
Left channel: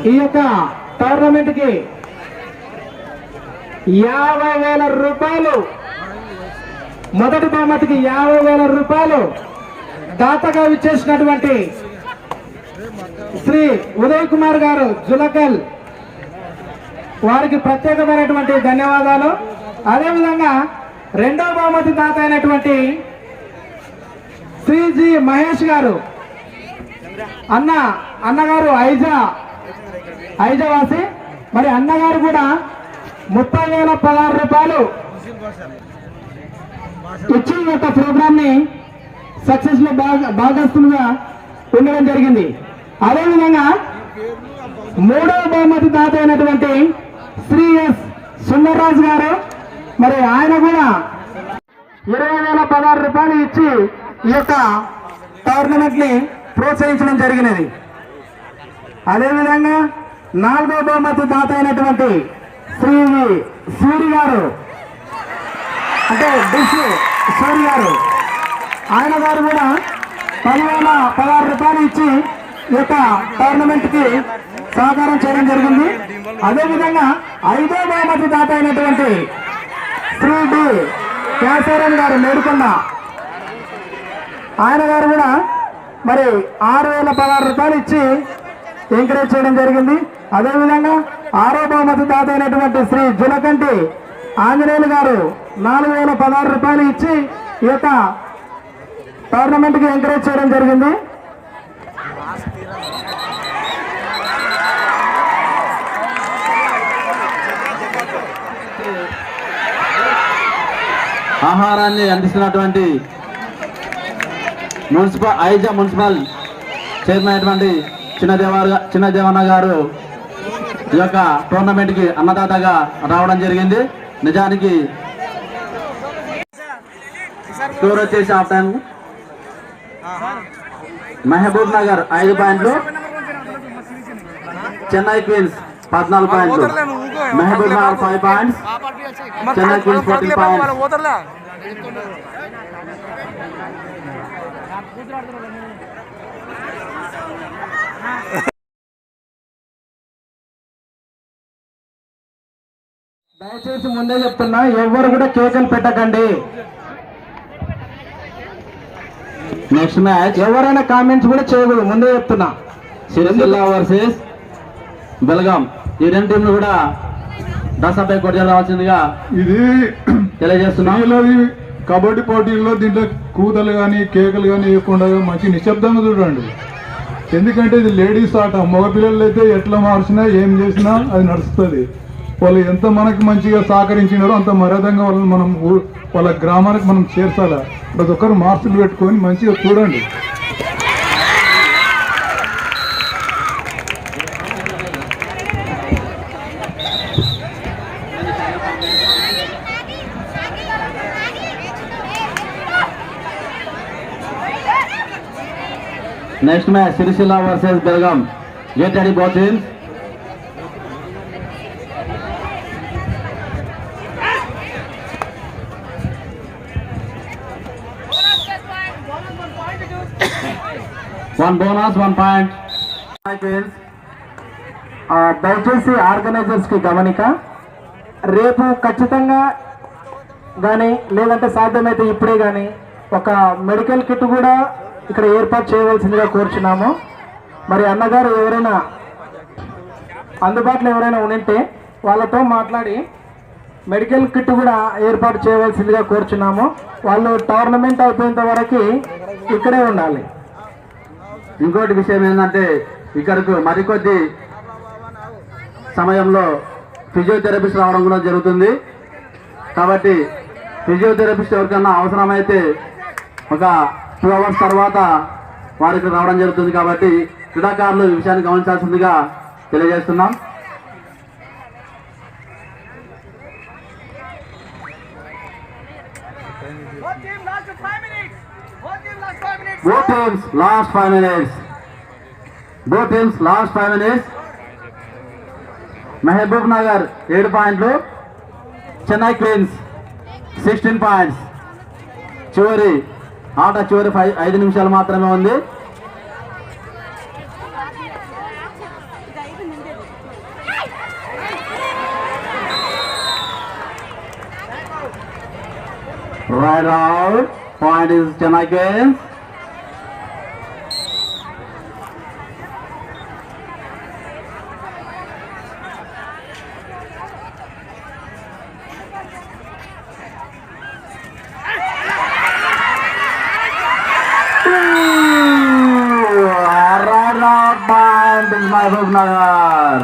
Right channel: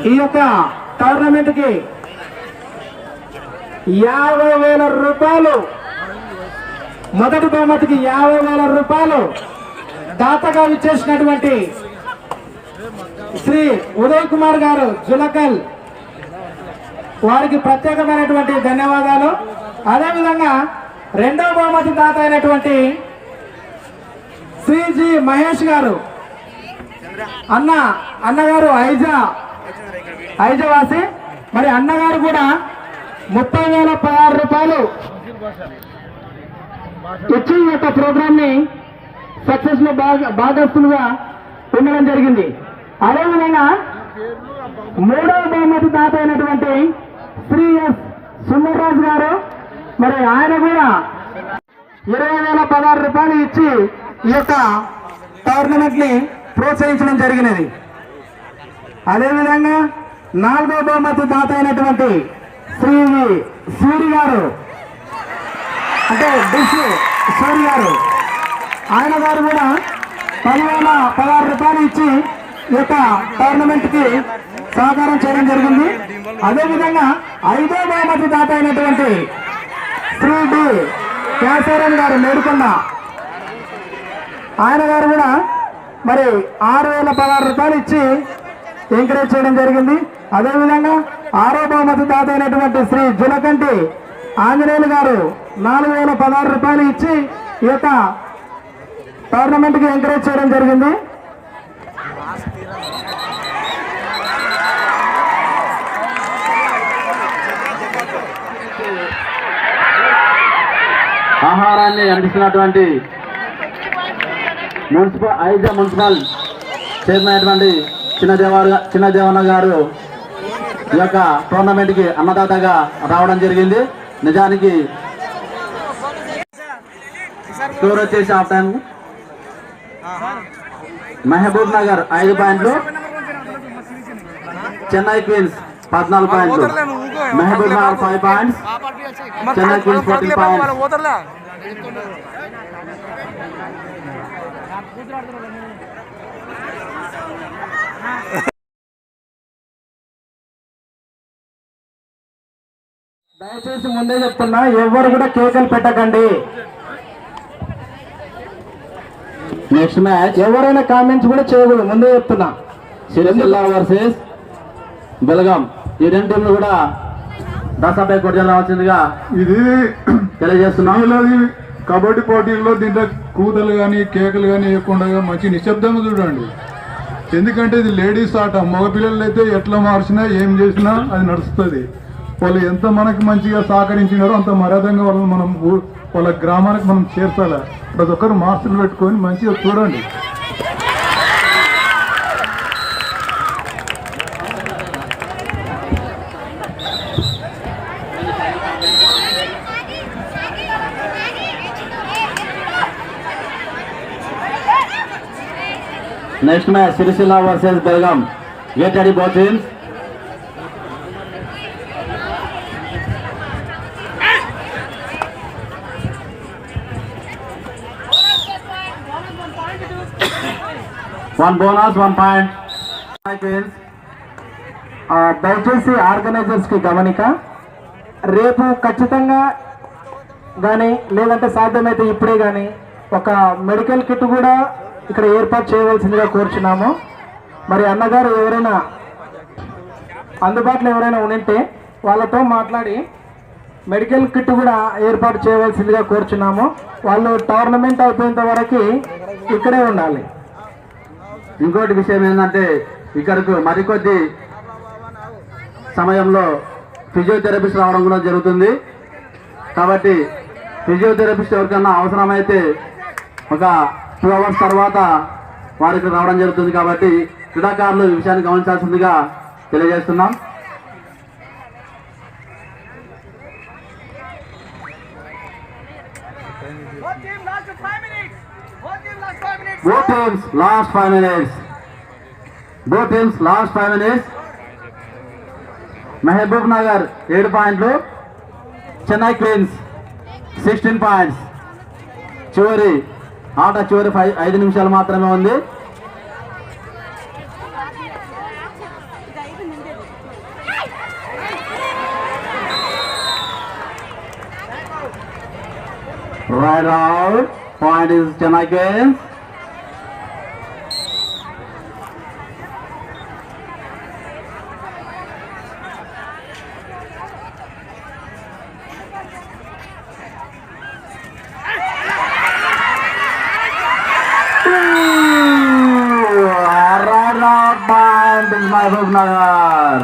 ఈ యొక్క టోర్నమెంట్ కి 50,000 రూపాయలు, మొదటి బహుమతికి 50,000 రూపాయలు దాతగా ఇచ్చేసినటువంటి శ్రీ ఉదయ్ కుమార్ గారు జులకల్ వారికి ప్రత్యేకమైనటువంటి ధన్యవాదాలు. అదేవిధంగా రెండవ బహుమతి దాత అయినటువంటి శ్రీ జి మహేష్ గారు అన్నగారు ఐజవాసి, మరి అన్నగారు కూడా 30,016 రూపాయలు ఇచ్చి ఈ యొక్క ప్రోగ్రామ్ ని సక్సెస్ లో భాగస్తులుగా ఉండడం జరిగింది. అదేవిధంగా మూడవ బహుమతి దాత అయినటువంటి శ్రీ ఎస్ సుందర్రాజు గారు, మరి ఆయన కూడా 20,016 రూపాయలు ఇచ్చి ఈ యొక్క టోర్నమెంట్ ని ప్రోత్సహించడం జరిగినది. అదేవిధంగా నాలుగో బహుమతి దాత అయినటువంటి శ్రీ సూరి గారు, అంటే డిష్ సూరి గారు, ఆయన గారు కూడా 10,016 రూపాయలు ఇచ్చి ఈ యొక్క టోర్నమెంట్ కి సహకారం చేయడం జరిగింది. అదేవిధంగా ఐదో బహుమతి దాత అయినటువంటి శ్రీ డి కేశవరావు గారు మేడుకొండ, ఆయన గారు కూడా మరి 6,016 రూపాయలు ఇచ్చి ఎంకరేజ్ చేయడం జరిగింది. అదేవిధంగా ఆరో బహుమతి దాత అయినటువంటి శ్రీ జులకంటి ఆంజనేయులు గారు 4,016 రూపాయలు ఇచ్చి ఈ యొక్క టోర్నమెంట్ కి ఎంకరేజ్ చేయడం జరిగింది. ఆహారాన్ని అందిస్తున్నటువంటి మున్సిపల్ చైర్మన్ అయినటువంటి చిన్నదేవన్న గారు ఈ యొక్క టోర్నమెంట్ కి అన్నదాతగా రావడం జరిగింది. నిజానికి స్కోర్ వచ్చేసి హాఫ్ టైం మహబూబ్ నగర్ 5 పాయింట్లు, చెన్నై క్వీన్స్ 14 పాయింట్లు, Mahbubnagar 5 points, Chennai queens 14 points. దయచేసి ముందే చెప్తున్నా, ఎవరు కూడా కేకలు పెట్టకండి. నెక్స్ట్ మ్యాచ్ ఎవరైనా కామెంట్స్ కూడా చేయకూడదు, ముందే చెప్తున్నా. సిరిసిల్ల వర్సెస్ బెల్గాం. ఈ రెండు టీంలు కూడా దసపై కొట్టి రావాల్సిందిగా ఇది తెలియజేస్తున్నాం. కబడ్డీ పోటీల్లో దీంట్లో కూతలు కానీ కేకలు కానీ వేయకుండా మంచి నిశ్శబ్దంగా చూడండి. ఎందుకంటే ఇది లేడీస్ ఆట. మగపిల్లలు అయితే ఎట్లా మార్చినా ఏం చేసినా అది నడుస్తుంది. వాళ్ళు ఎంత మనకి మంచిగా సహకరించినారో అంత మర్యాదంగా వాళ్ళని మనం వాళ్ళ గ్రామానికి మనం చేర్చాలి. ప్రతి ఒక్కరు మార్కులు పెట్టుకొని మంచిగా చూడండి. Next match Sircilla versus Belgaum. Get ready both teams. One bonus, 1 point. దయచేసి ఆర్గనైజర్స్ కి గమనిక, రేపు ఖచ్చితంగా కానీ లేదంటే సాధ్యమైతే ఇప్పుడే కానీ ఒక మెడికల్ కిట్ కూడా ఇక్కడ ఏర్పాటు చేయవలసిందిగా కోరుచున్నాము. మరి అన్నగారు ఎవరైనా అందుబాటులో ఎవరైనా ఉంటే వాళ్ళతో మాట్లాడి మెడికల్ కిట్ కూడా ఏర్పాటు చేయవలసిందిగా కోరుచున్నాము. వాళ్ళు టోర్నమెంట్ అయిపోయేంత వరకు ఇక్కడే ఉండాలి. ఇంకోటి విషయం ఏంటంటే ఇక్కడకు మరికొద్ది సమయంలో ఫిజియోథెరపిస్ట్ రావడం కూడా జరుగుతుంది. కాబట్టి ఫిజియోథెరపిస్ట్ ఎవరికన్నా అవసరమైతే ఒక 2 hours తర్వాత వారికి రావడం జరుగుతుంది. కాబట్టి క్రీడాకారులు ఈ విషయాన్ని గమనించాల్సిందిగా తెలియజేస్తున్నాం. Both teams last 5 minutes. Both teams last 5 minutes. Mahabub Nagar 7 పాయింట్లు, చెన్నై క్వీన్స్ 16 పాయింట్స్. చివరి 5 నిమిషాలు మాత్రమే ఉంది. Right out. Point is Chennai Queens. Right out. Point is Mahbub Nagar.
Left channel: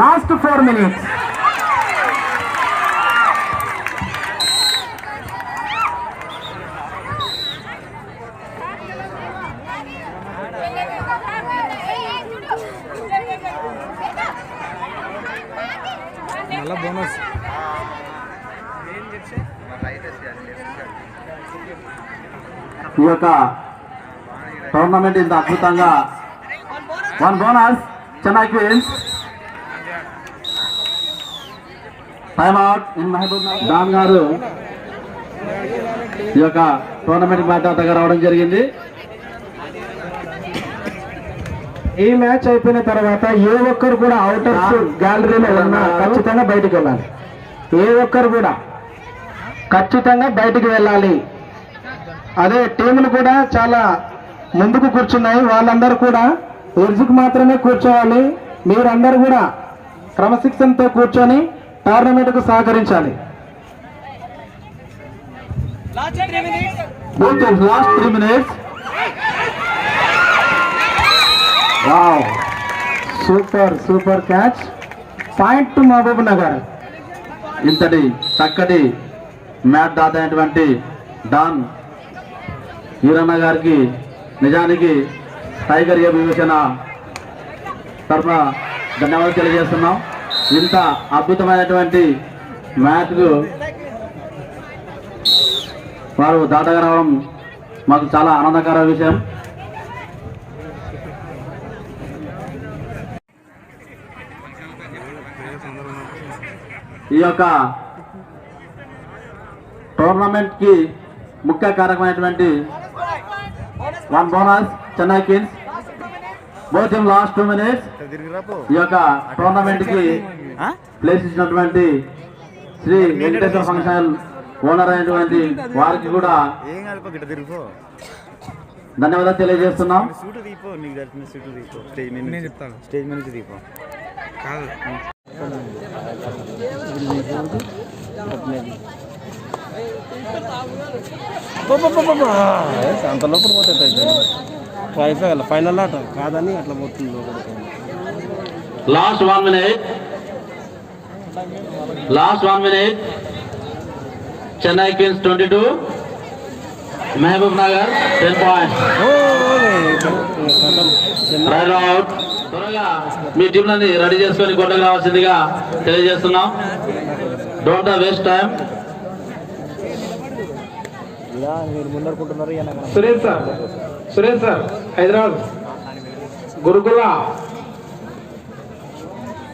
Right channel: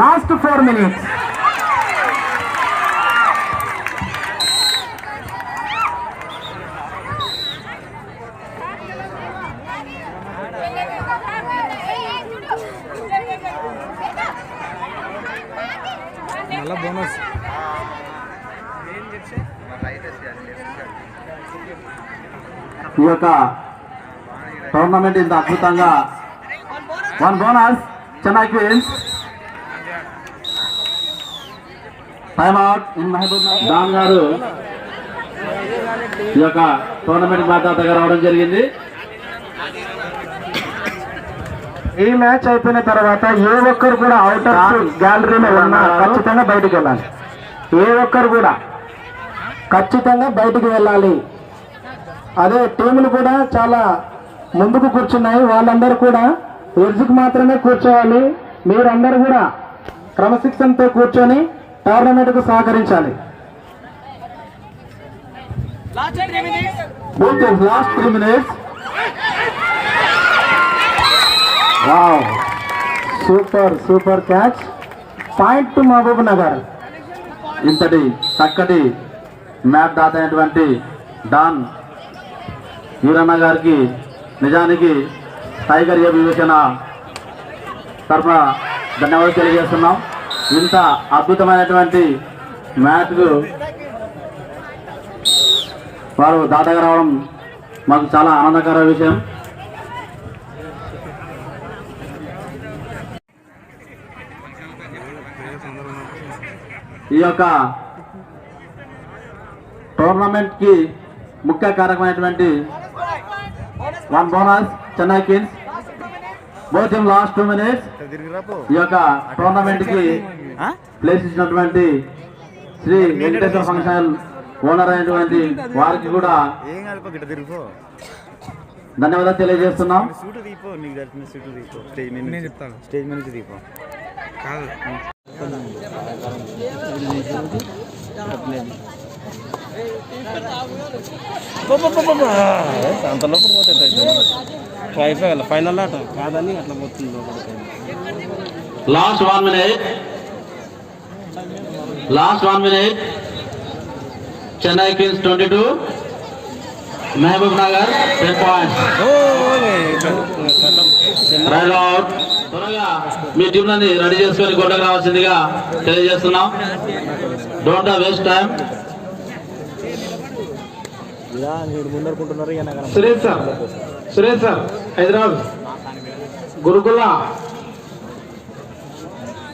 Last 4 minutes. ఈ యొక్క టోర్నమెంట్ ఇంత అద్భుతంగా 1 bonus Chennai queens. Time out in Mahbubnagar. డాన్ గారు ఈ యొక్క టోర్నమెంట్ బాధ్యతగా రావడం జరిగింది. ఈ మ్యాచ్ అయిపోయిన తర్వాత ఏ ఒక్కరు కూడా అవుటర్ గ్యాలరీలో ఉన్నా ఖచ్చితంగా బయటికి వెళ్ళాలి. ఏ ఒక్కరు కూడా ఖచ్చితంగా బయటికి వెళ్ళాలి. అదే టీములు కూడా చాలా ముందుకు కూర్చున్నాయి, వాళ్ళందరూ కూడా ఎడ్జ్కి మాత్రమే కూర్చోవాలి. మీరందరూ కూడా క్రమశిక్షణతో కూర్చొని టోర్నమెంట్కు సహకరించాలి. Last 3 minutes. Wow, super catch. Point to Mahbubnagar. ఇంతటి చక్కటి మ్యాచ్ దాత అయినటువంటి డాన్ వీరన్న గారికి నిజానికి టైగర్ ఏ వివేచన తరఫున ధన్యవాదాలు తెలియజేస్తున్నాం. ఇంత అద్భుతమైనటువంటి మ్యాచ్కు వారు దాతగా రావడం మాకు చాలా ఆనందకర విషయం. ఈ యొక్క టోర్నమెంట్ కి ముఖ్య కారకమైనటువంటి 1 bonus Chennai queens. Both in last 2 minutes ఈ యొక్క టోర్నమెంట్ కి ప్లేస్ ఇచ్చినటువంటి శ్రీ వెంకటేశ్వర ఫంక్షన్ ఓనర్ అయినటువంటి వారికి కూడా ధన్యవాదాలు తెలియజేస్తున్నాం. అంతలోపల పోతే ఫైనల్ ఆట కాదని అట్లా పోతుంది లోపలికి. Last 1 minute Chennai kings 22 Mahbubnagar 10 points. త్వరగా మీ టీంలని రెడీ చేసుకొని గొడ్డకు రావాల్సిందిగా తెలియజేస్తున్నాం. Don't waste time. Suresh sir Hyderabad గురుకుల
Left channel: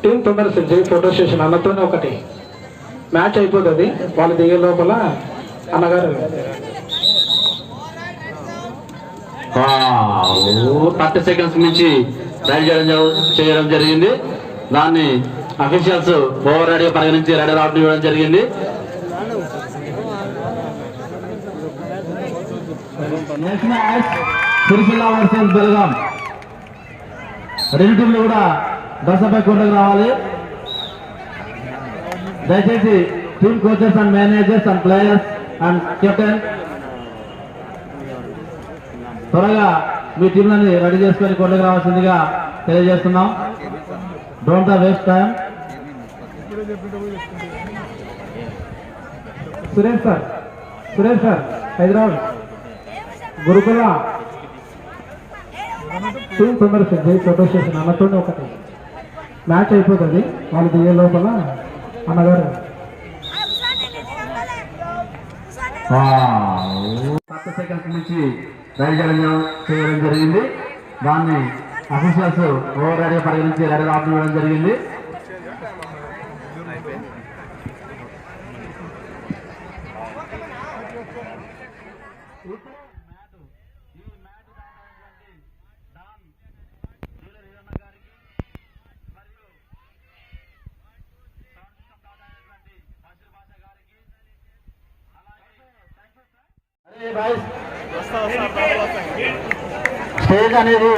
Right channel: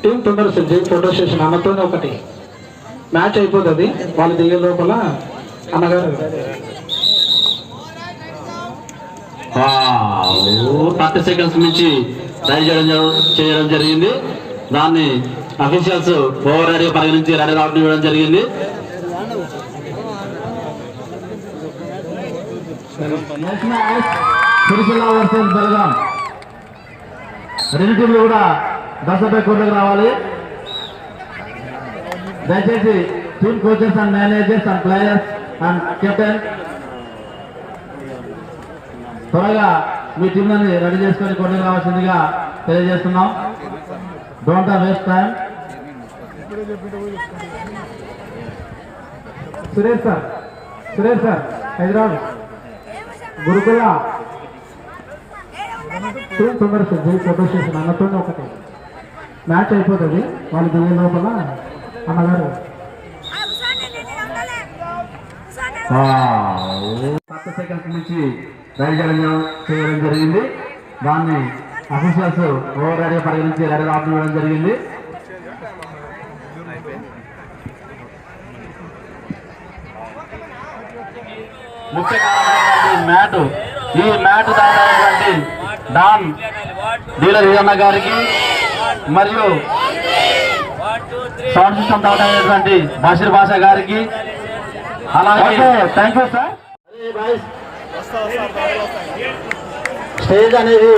టీం తొందర ఫోటో స్టేషన్ అన్నతోనే ఒకటి మ్యాచ్ అయిపోతుంది. వాళ్ళు దిగే లోపల అన్నగారు 30 seconds నుంచి రైడ్ చేయడం జరిగింది. దాన్ని అఫీషియల్స్ ఓవర్ రైడ్ పరిగణించి రైడ్ అవుట్ ఇవ్వడం జరిగింది. రెండు టీంలు కూడా దశపై కొండకు రావాలి. దయచేసి team coaches and managers and players and captain త్వరగా మీ టీంలని రెడీ చేసుకొని కొండకు రావాల్సిందిగా తెలియజేస్తున్నాం. Don't waste time. Suresh sir Hyderabad గురుకుల టీం తొందర ఫోటో స్టేషన్ అన్నతోనే ఒకటి మ్యాచ్ అయిపోతుంది. వాళ్ళు దిగే లోపల అన్నగారు 30 seconds నుంచి రైడ్ చేయడం జరిగింది. దాన్ని అఫీషియల్స్ ఓవర్ రైడ్ పరిగణించి రైడ్ అవుట్ ఇవ్వడం జరిగింది. ఈ మ్యాట్ దాటైనటువంటి డాన్ డీలర్ వీరన్న గారికి మరియు సౌండ్ సిస్టమ్ దాటైనటువంటి బషీర్ బాషా గారికి అలాగే థ్యాంక్ యూ సార్. స్టేజ్ అనేది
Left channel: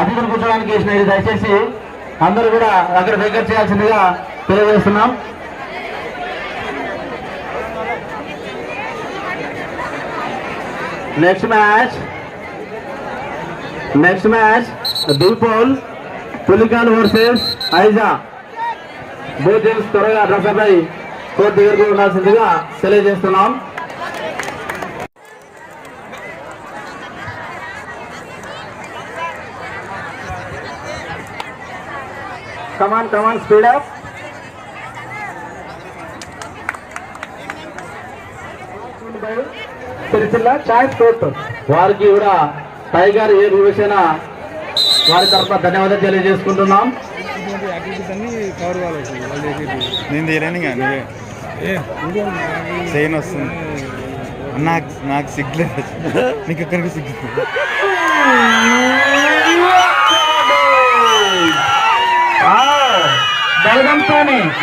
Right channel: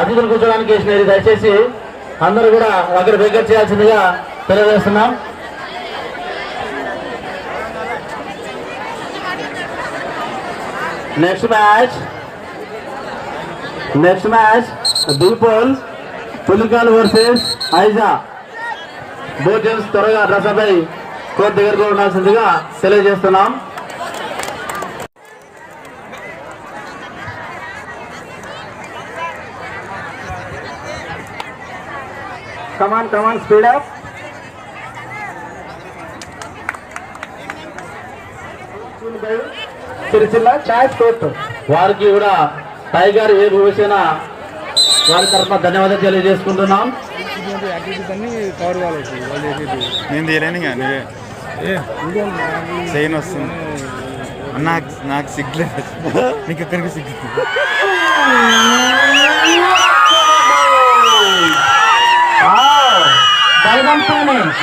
అతిథులు కూర్చోడానికి వేసినది. దయచేసి అందరూ కూడా అక్కడ దగ్గర చేయాల్సిందిగా తెలియజేస్తున్నాం. Next match దిల్పోల్ పులికాన్ versus Aiza. Both teams త్వరగా డ్రెస్అపై కోర్టు దగ్గరకు ఉండాల్సిందిగా తెలియజేస్తున్నాం. కమాన్ స్పీడ్ అప్. వారికి కూడా టైగర్ ఏ భూషణ వారి తరఫున ధన్యవాదాలు తెలియజేసుకుంటున్నాం. నేను తీయలేను నువ్వే చైన్ వస్తుంది. నాకు సిగ్గులేదు, నీకు ఎక్కడికి సిగ్గు.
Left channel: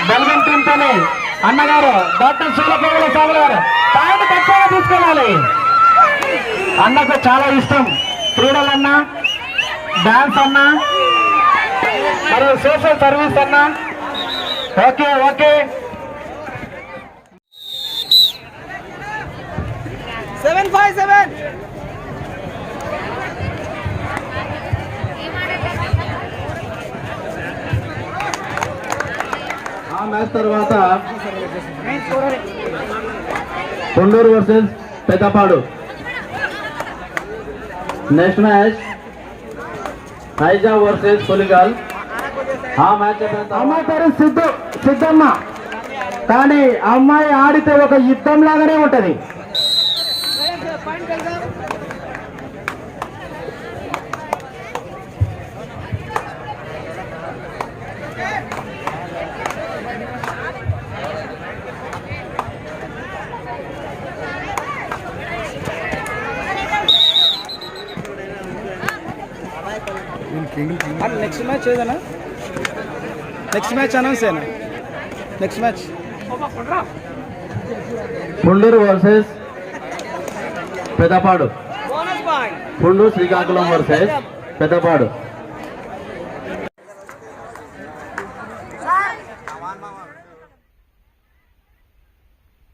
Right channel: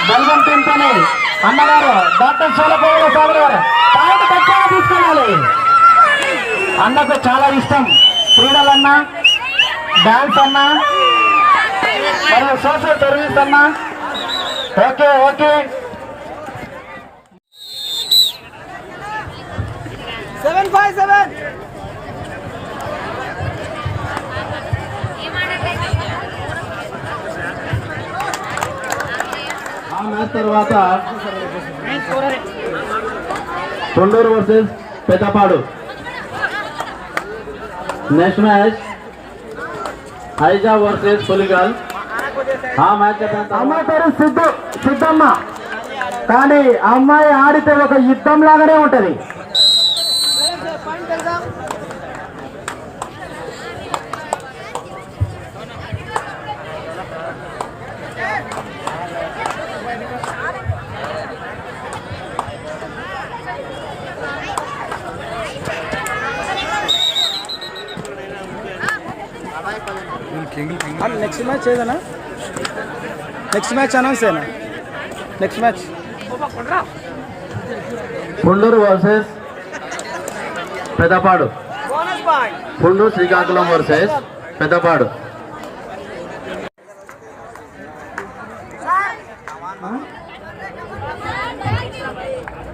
బల్గం టీంతోనే అన్నగారు డాక్టర్ సోలపల్లి స్వామి గారు పాయింట్ ఖచ్చితంగా తీసుకెళ్ళాలి. అన్నకు చాలా ఇష్టం క్రీడలన్నా, డాన్స్ అన్నా, మరియు సోషల్ సర్వీస్ అన్నా. ఓకే ఆ మ్యాచ్ తర్వాత Thonduru versus Peddapadu. Next match Aija versus Puligal. ఆ మ్యాచ్ అమ్మాయి పేరు సిద్ధమ్మ, కానీ అమ్మాయి ఆడితే ఒక యుద్ధం లాగానే ఉంటది. నెక్స్ట్ మ్యాచ్ ఏదైనా నెక్స్ట్ మ్యాచ్ అనౌన్స్ అయినా next match Ponduru versus Peddapadu. Ponduru Srikakulam versus Peddapadu.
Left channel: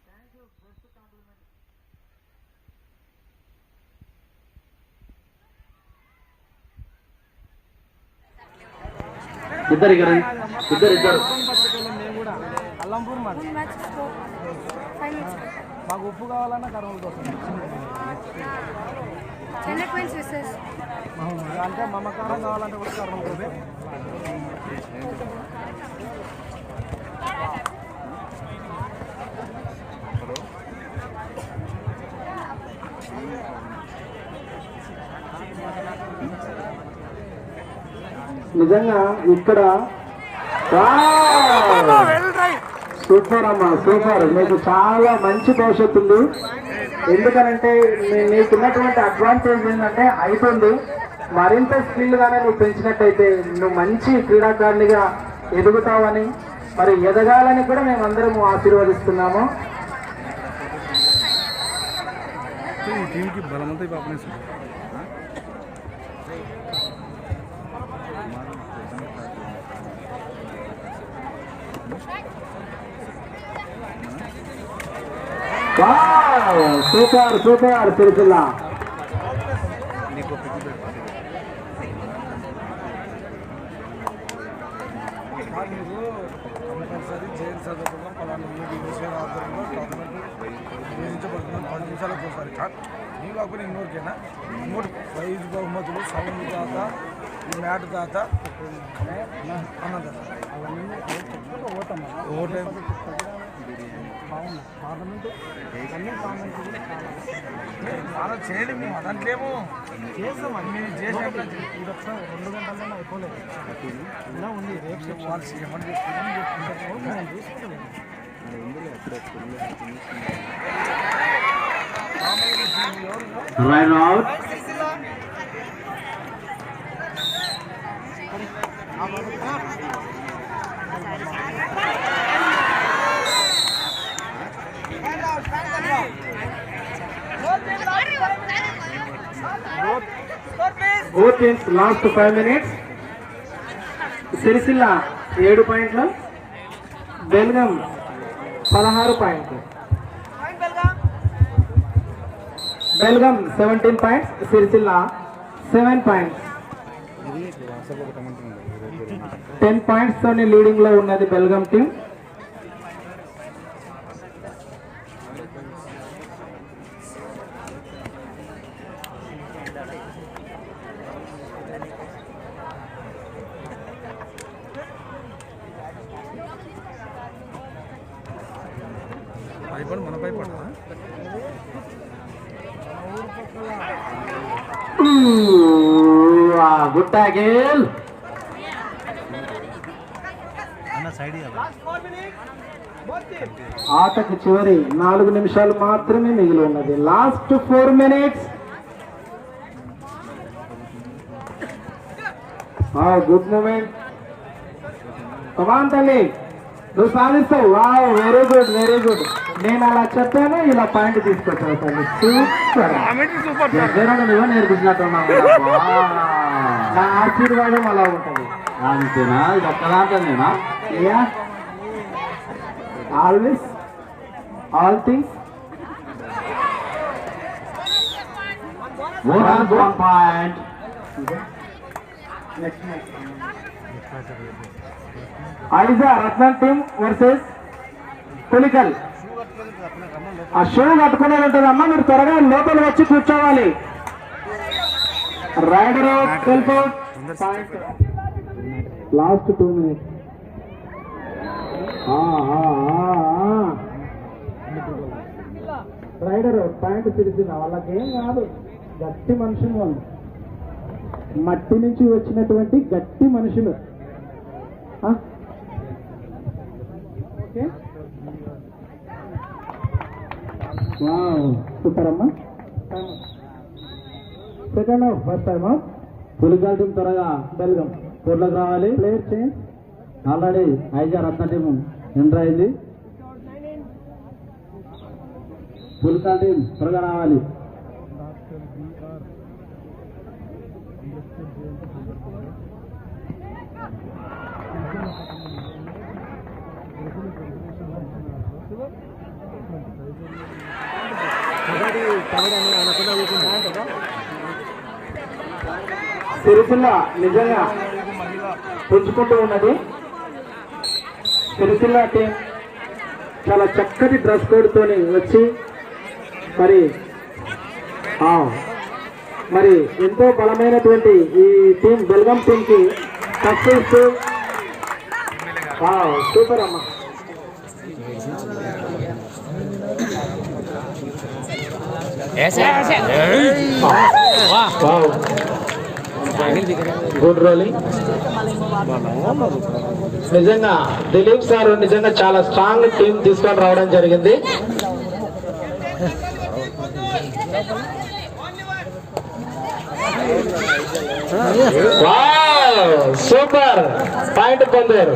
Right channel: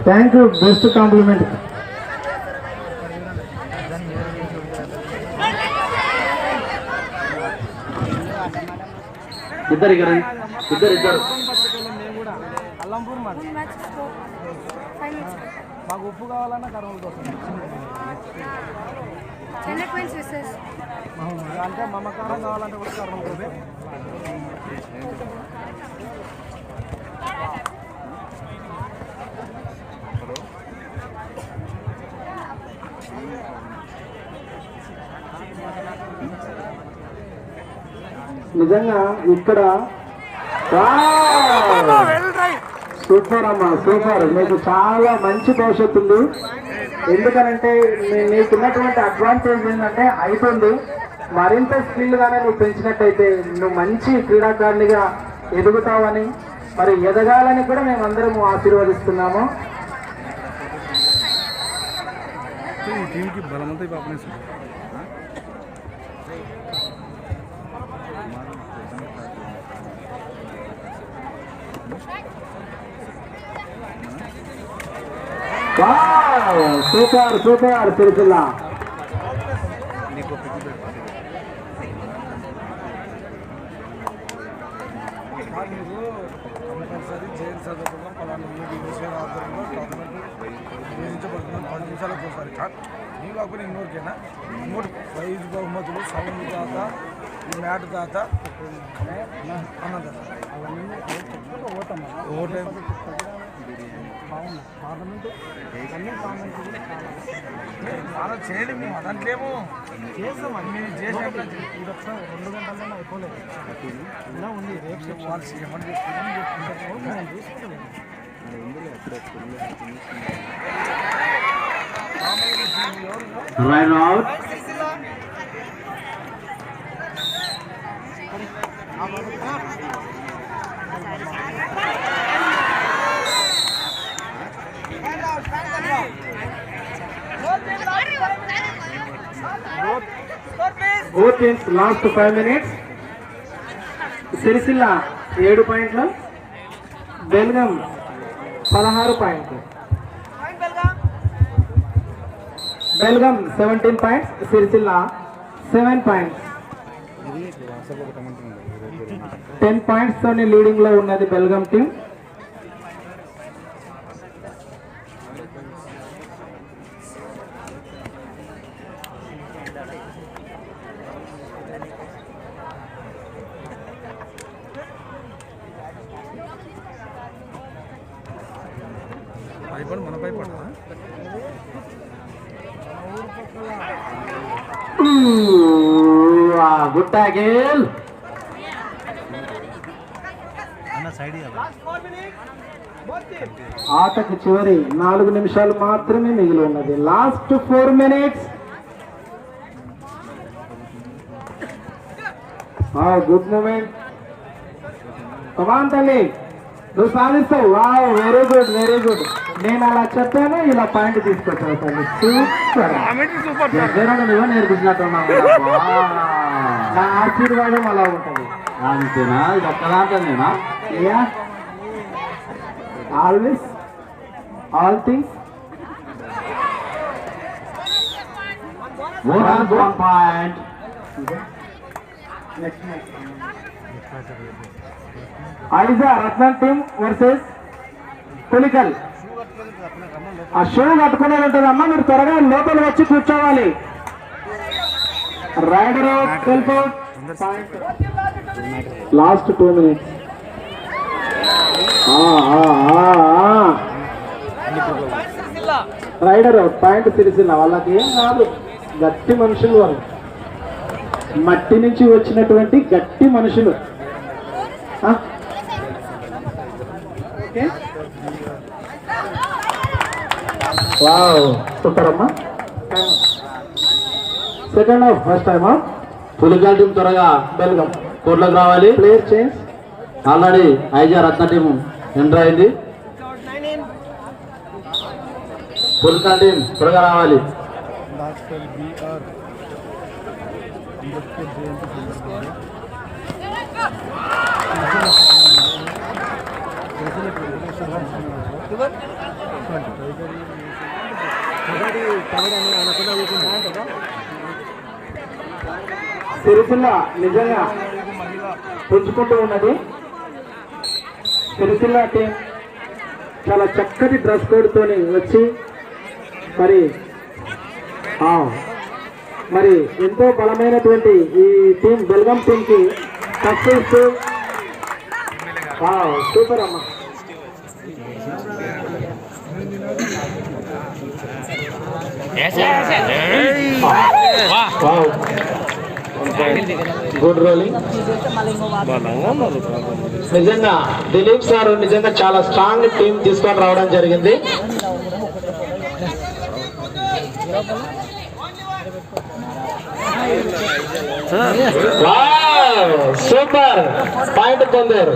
Thank you, best compliment. ఇద్దరు అల్లంపూర్ మాకు ఉప్పు కావాలన్నా కర్నూలు కోసం అంటే మమకారం కావాలంటే కూడా కర్నూలు కోసం. నిజంగా ఇక్కడ సూపర్ అమ్మా, సూపర్. మీకు చాలా మంచి భవిష్యత్తు ఉంది. ఎందుకనంటే నీకున్నటువంటి అడ్వాంటేజ్ ఏంటంటే అయిపోయింది. మరింత స్కిల్ గానే నువ్వు పెంచినట్టయితే నువ్వు మంచి క్రీడాకారునిగా ఎదుగుతావని, మరి ఎదగాలని కూడా మేమందరం ఆశీర్వదిస్తున్నాము. Super super Sircilla. కంపల్సరీ జైలు చదువుకున్న పలానా విషయాల ఆధారంలో గవర్నమెంట్ నిర్వహించబడుతున్నాం 10 నిమిషాలకు ఒకసారి. నీ కాకుండా ఇంకోరికైనా ఇంకోటి ప్రైజ్ బహుమతులు సౌండ్ దాత, ఈ మ్యాట్ దాత, అన్నదాత ఓటే బాగుంది. పార్లమెంట్ అన్ని పార్లమెంట్ చాలా చేయండి. మేము అదంట్లేమో చేస్తాం. అన్ని చేసినప్పుడు ఇది ఒకసారి 2 గంటల్లోనే అయిపోలేదు. ఇలా ఉంది. రేపు వాళ్ళు ఏమని చెప్తున్నాం చూసుకుంటాం. Both teams last 5 minutes. Sircilla 7 పాయింట్లు, బెల్గం 16 పాయింట్లు. Belgaum 17 points, Sircilla 7 points. 10 points తోని లీడింగ్ లో ఉన్నది బెల్గం టీం. Good tackle. ఆటకు చివరి 4 నిమిషాలు మాత్రమే మిగిలి ఉన్నది. Last 4 minutes. Good moment. Come తల్లి, నువ్వు సాధిస్తావు. Wow, very good, very good. నేను అలా చెప్పాను, ఇలా పాయింట్ తీసుకొచ్చావు తల్లి. సూపర్. నువ్వు నేర్పించినట్టున్నావు. నా ఆశీర్వాదం అలా ఉంటుంది. అంతేనా? ఇది ఒక్కదాంతేనా? Always, all things. Point. Aija Ratnam team versus Pulikal. ఆ షూ కట్టుకునేది ఉంటుందమ్మా, మీరు త్వరగా లోపల వచ్చి కూర్చోవాలి. Raider last 2 minutes. Raider point Sircilla. వాళ్ళకి ఏం కాదు, గట్టి మనుషులు వాళ్ళు. మట్టి నుంచి వచ్చినటువంటి గట్టి మనుషులు. వావ్, సూపర్ అమ్మా. సెకండ్ హాఫ్ ఫస్ట్ టైమా. పులికల్ టీం త్వరగా బెల్గం కోర్టులోకి రావాలి. Player change. ఆల్రెడీ ఐజా రత్న టీం ఎంటర్ అయింది. పుల్కా టీం త్వరగా రావాలి. సిరిసిల్ల నిజంగా పుంజుకుంటూ ఉన్నది. సిరిసిల్ల టీం చాలా చక్కటి డ్రెస్ కోడ్ తోని వచ్చి మరి ఎంతో బలమైనటువంటి ఈ టీం బెల్గం టీం కి సక్సెస్. సూపర్ అమ్మా. Good rolling. నిజంగా దిలీప్ సార్ నిజంగా చాలా స్ట్రాంగ్ టీం తీసుకొని రావడం జరిగింది. సూపర్ పాయింట్ పొందారు.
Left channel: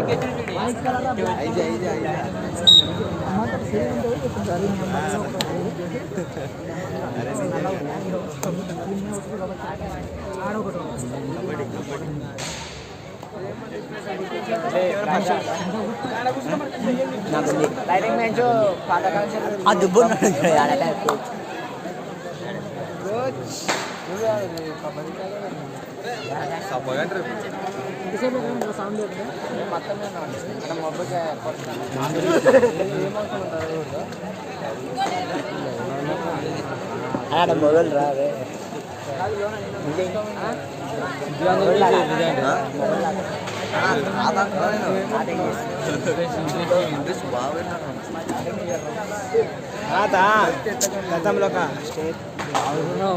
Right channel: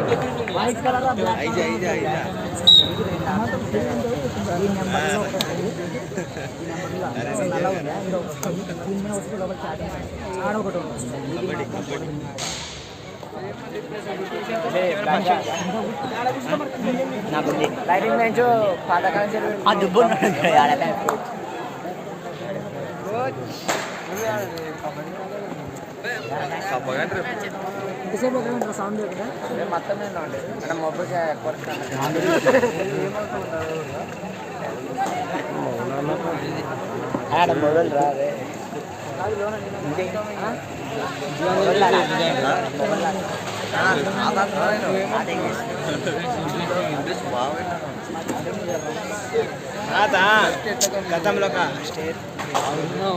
గతంలో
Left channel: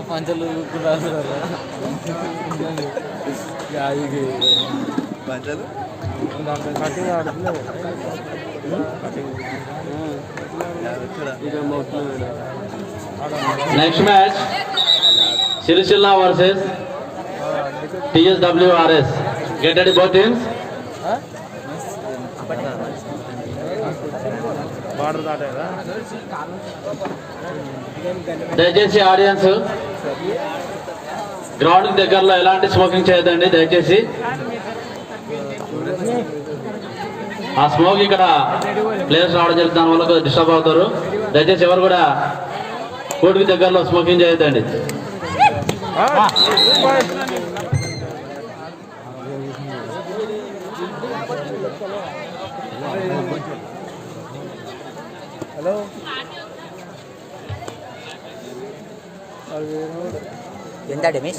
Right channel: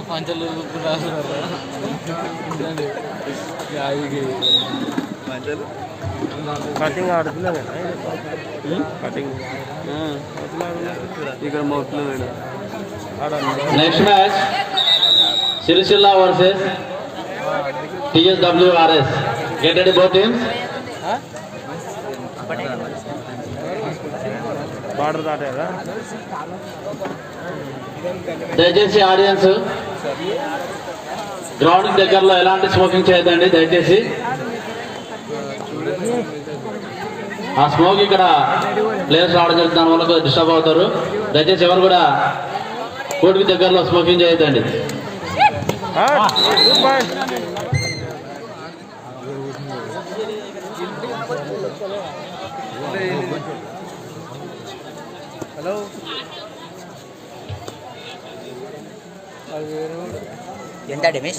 పంచలు కటింగ్ ఆడుతున్నారు. Next match Sircilla versus TSWRS. Get ready both teams. దయచేసి ఆడియన్స్ గ్రౌండ్ దగ్గరలో ఎలాంటి స్మోకింగ్ చేయదండి దయచేసి. ఆ స్మోక్ ఇక్కడ ప్లేయర్స్ రావడం జరుగుతుంది, దాని వల్ల డిస్టర్బ్ అవుతారు. దయచేసి ఎవరు కూడా కోర్టుకి దగ్గరలో స్మోకింగ్ చేయొద్దండి. ఎంత damage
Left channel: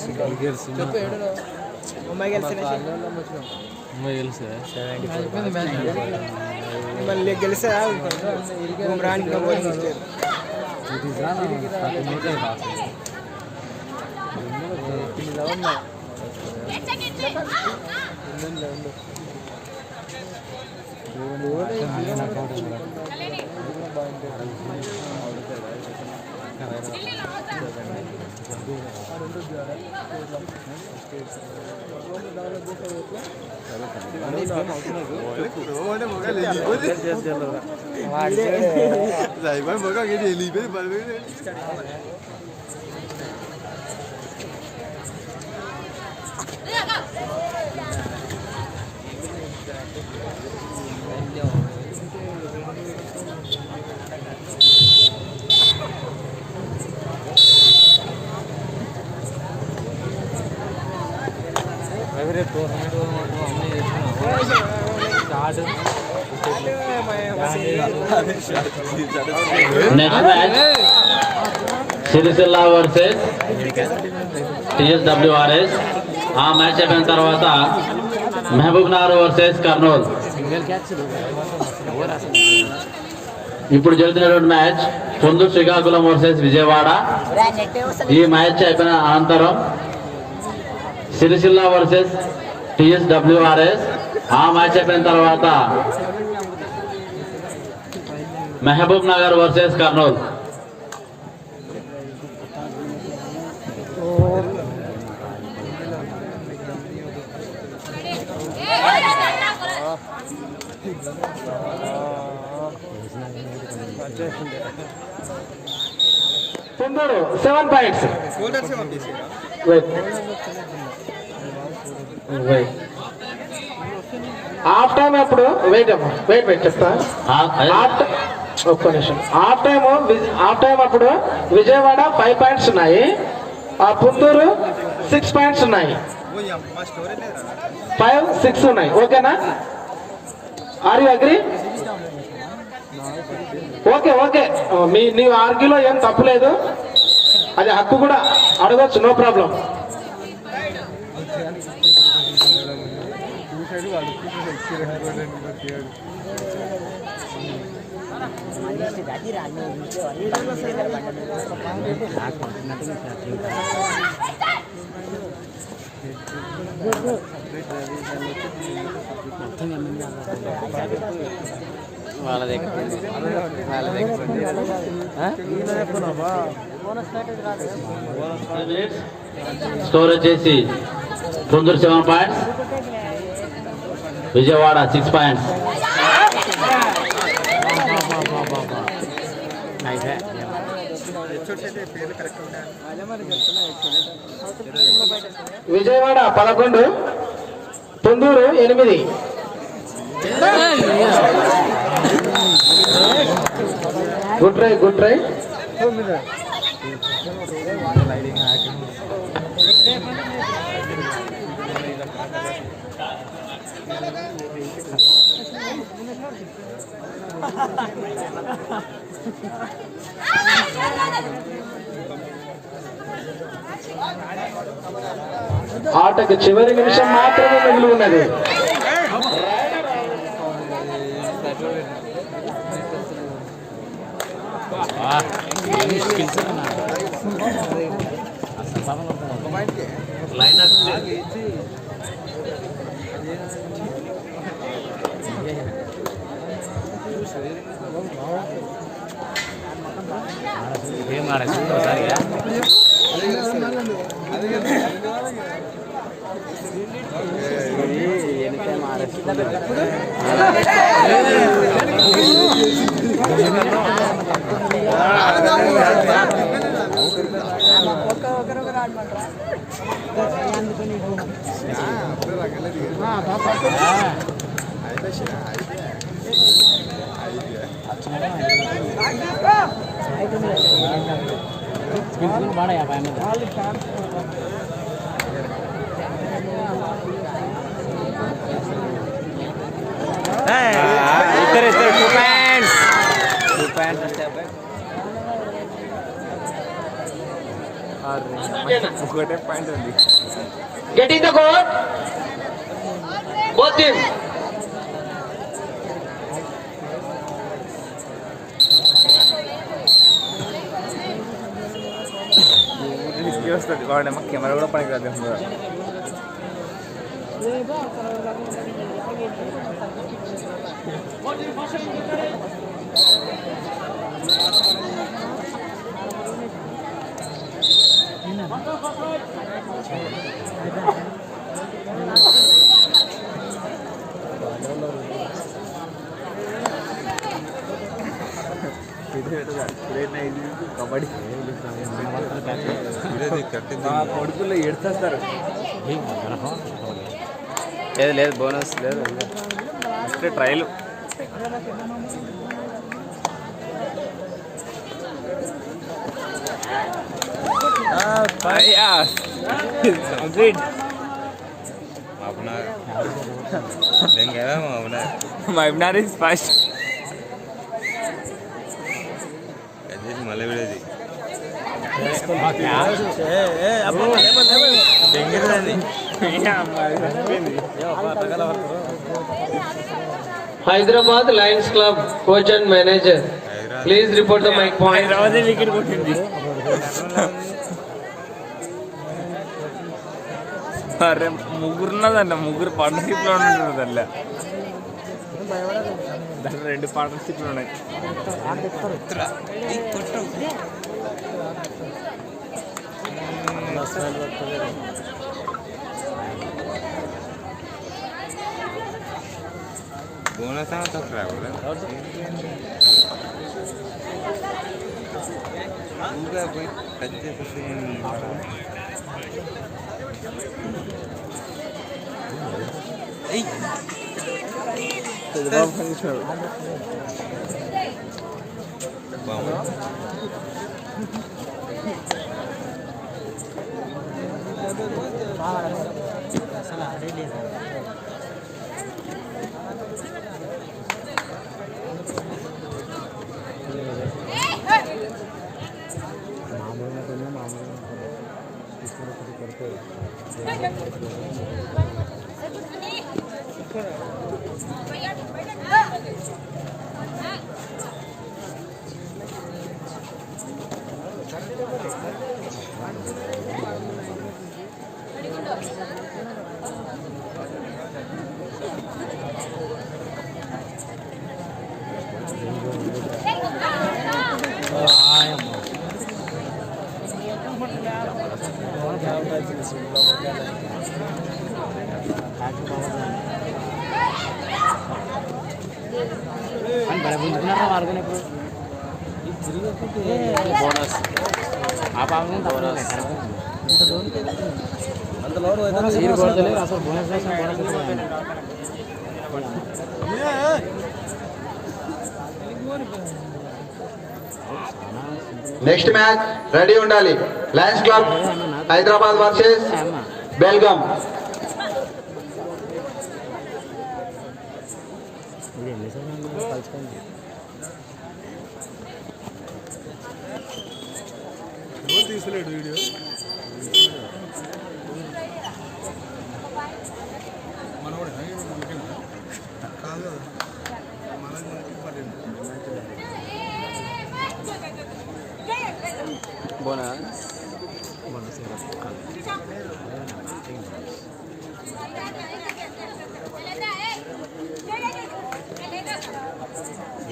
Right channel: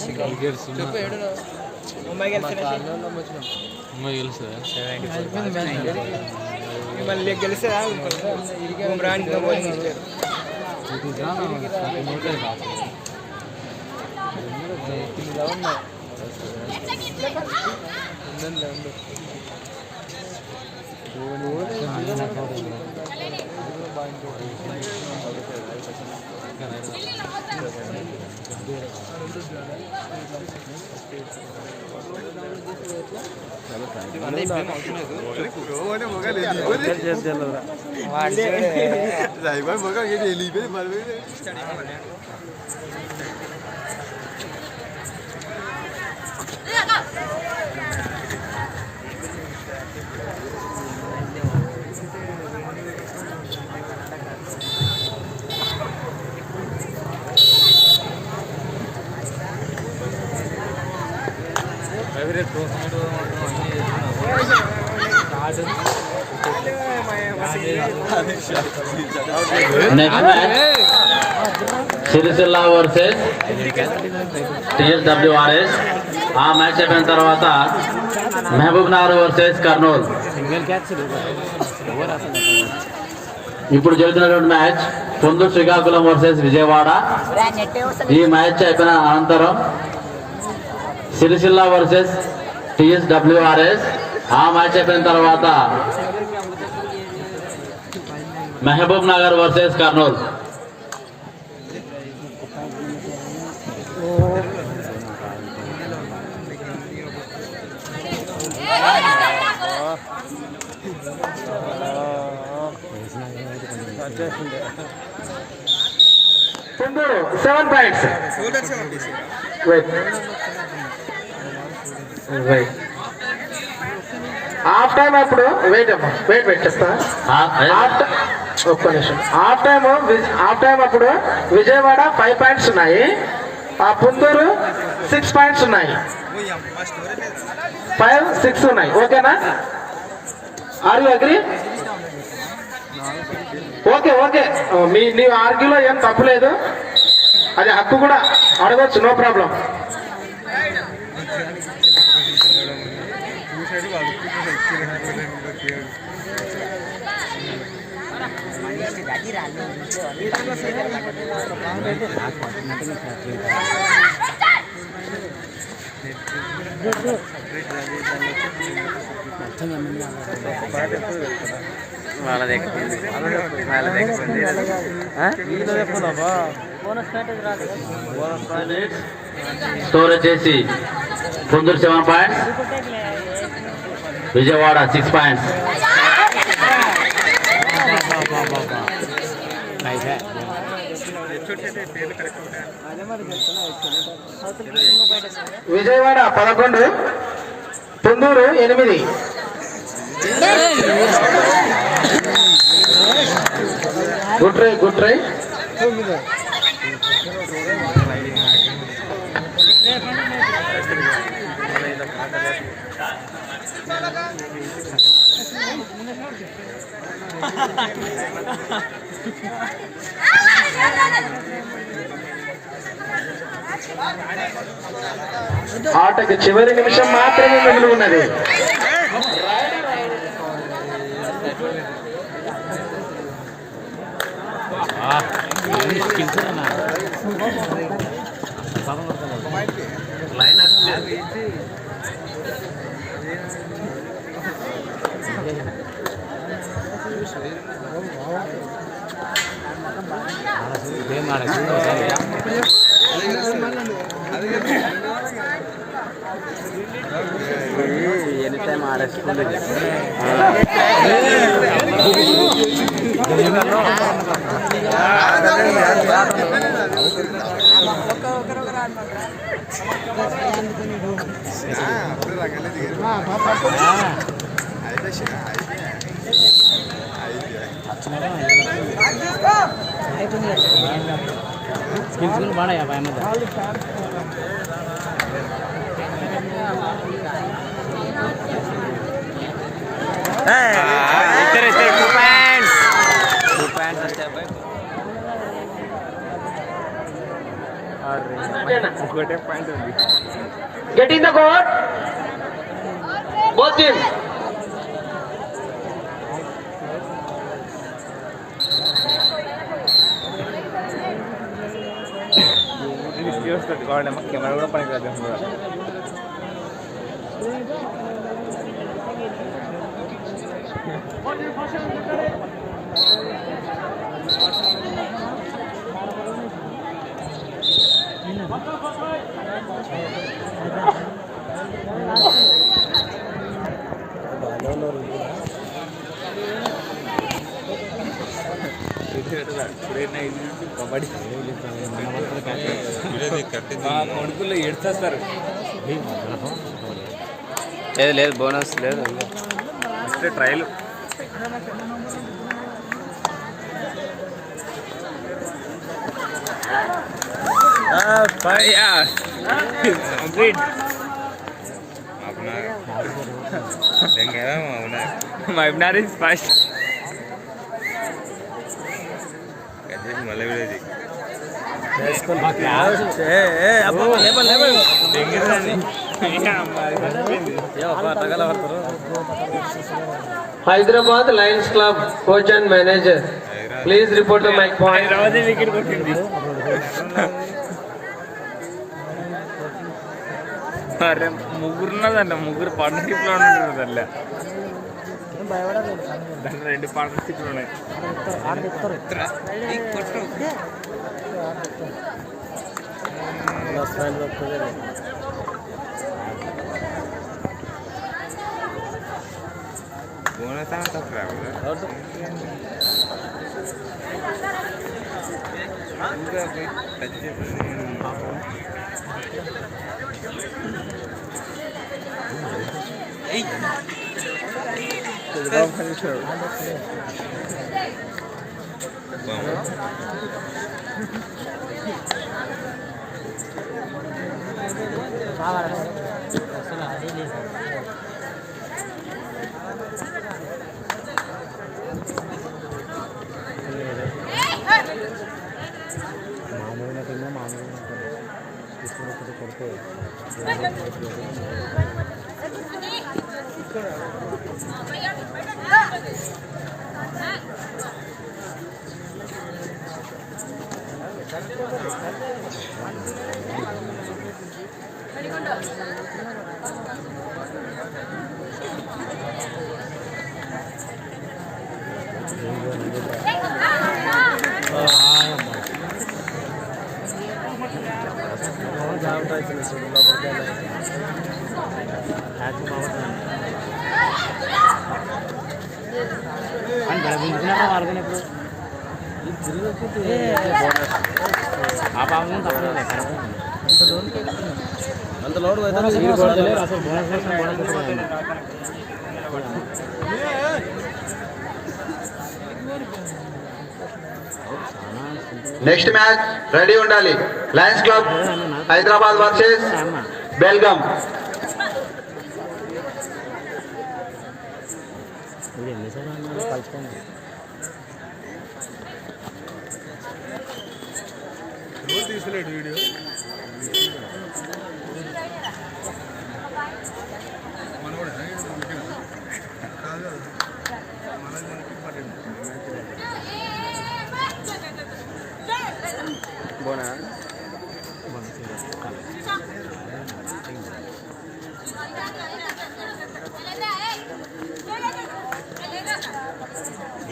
next match Sircilla versus TSWRS. ఆ మ్యాచ్ అయిపోయిన తర్వాత మహబూబ్ నగర్ వర్సెస్ కర్నూలు. ఇప్పుడు జరుగుతున్నటువంటి మ్యాచ్ పొందూరు శ్రీకాకుళం వర్సెస్ విజయవాడ. ఈ మ్యాచ్ అయిపోయిన అనంతరం సిరిసిల్ల వర్సెస్ TSWRS. ఆ మ్యాచ్ అయిపోయిన తర్వాత Mahbubnagar versus Kurnool. Ponduru 7 points. Half time అప్పుడు వెయిట్ చెప్తా. ఒక్క నిమిషం. హాఫ్ టైం అప్పుడు విజయవాడ 5 పాయింట్స్ ఉన్నాయి, ఆ పుందూరు 6 పాయింట్స్ ఉన్నాయి. 5, 6 ఉన్నాయి. ఓకేనా? Are you agree? ఓకే. నీ ఆర్గ్యూలో ఏం తప్పులేదు, అది హక్కు కూడా అడగచ్చు, నో ప్రాబ్లం. స్కోర్ వచ్చేసి Pundur 7 points, Vijayawada 6 points. Vijayawada 11, Pundur 8. Good try. ఆటకు చివరి నిమిషం మాత్రమే మిగిలి ఉన్నది. Getting the court, both teams. Camera కూడా పని కాదు. కబడ్డీ మా కొడుకుల్లో ఎడుస్తారు. లేదు బోనస్ లేదు, trial. Webinar is fast. Hyderabad Lions Club coach and manager, please report the mic point. అరే ముగ్గురు ఉన్నదంట, ముగ్గురు పార్ట్నర్షిప్లో ఉన్నదండి. దాంట్లో 2 పార్ట్నర్షిప్లు ఉన్నాయి. నెక్స్ట్ మ్యాచ్ రెడీ ఉండాలి. Lions club Hyderabad versus Belgaum.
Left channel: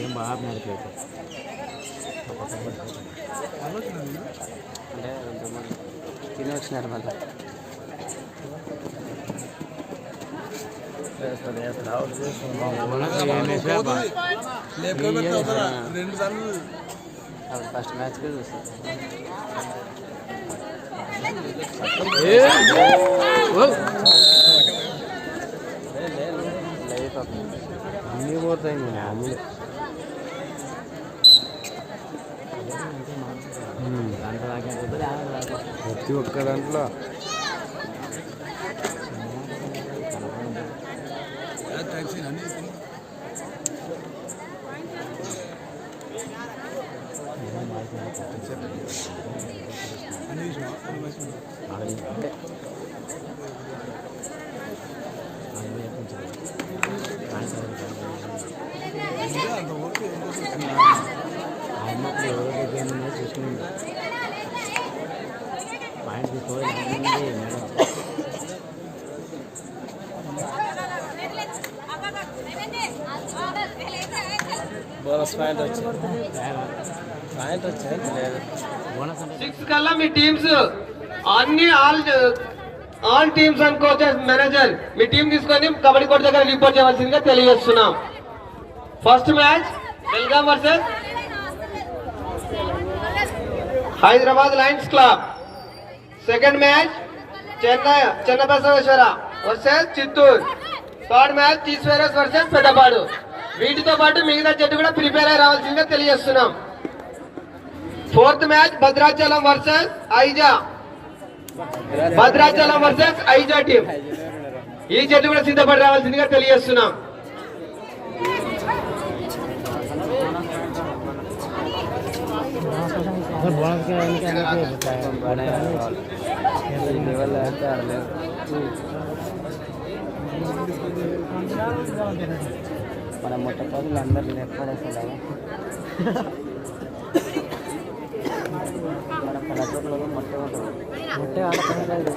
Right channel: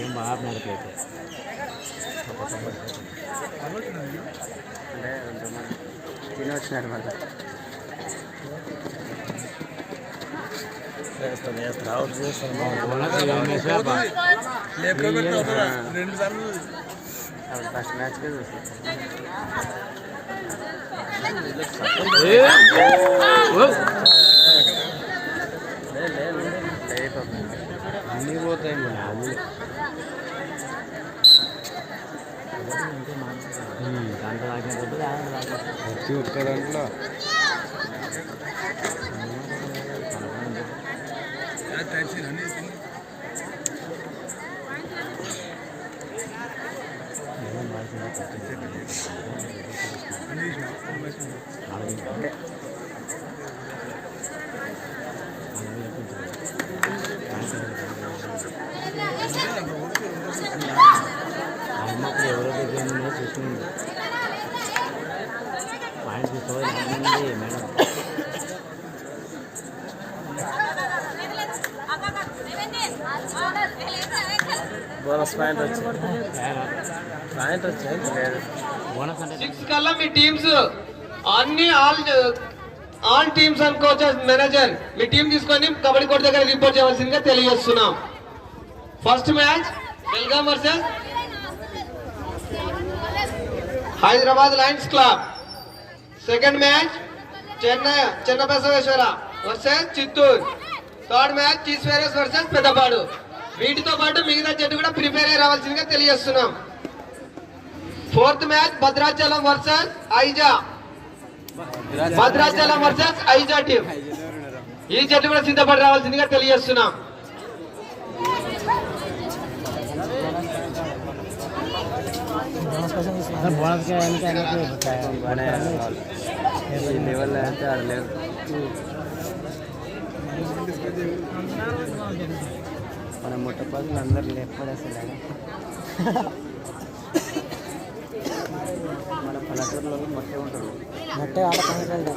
ఏం బాగా నడపలేదు అంటే తిని వచ్చినాడు మళ్ళీ ఫస్ట్ మ్యాచ్ అన్నీ పోతాయి మామూలు దాంట్లో ప్రతి ఒక్క దాంట్లో అమ్మప్పుడు ఎవరో దగ్గర చూసుకుంది పాయింట్ తీసుకోవాలి మేడం బోనస్ పాయింట్ వచ్చింది లేదు బోనస్ అంటే 6 కల్లా మీ టీమ్స్ అన్ని all teams and coaches manager మీ టీం తీసుకొని కబడ్డీ కోర్టు దగ్గర రిపోర్ట్ చేయవలసిందిగా తెలియజేస్తున్నాం. First match Belgaum versus Hyderabad lions club. Second match Chennabasaveshwara versus Chittoor. Third match తీస్వేరస్ వర్సెస్ పెద్దపాడు. వీటితో పాటు మిగతా జట్టు కూడా ప్రిపేర్ అయి రావాల్సిందిగా తెలియజేస్తున్నాం. Fourth match Bhadrachalam versus Aija. Bhadrachalam versus Aija team. ఈ జట్టు కూడా సిద్ధపడి రావాల్సిందిగా తెలియజేస్తున్నాం. మన మొట్టపదులు అందరు లేపడేసలే మన పల్లెటూరులో మొట్టే ఉంటుంది. మొట్టే ఆడలేదు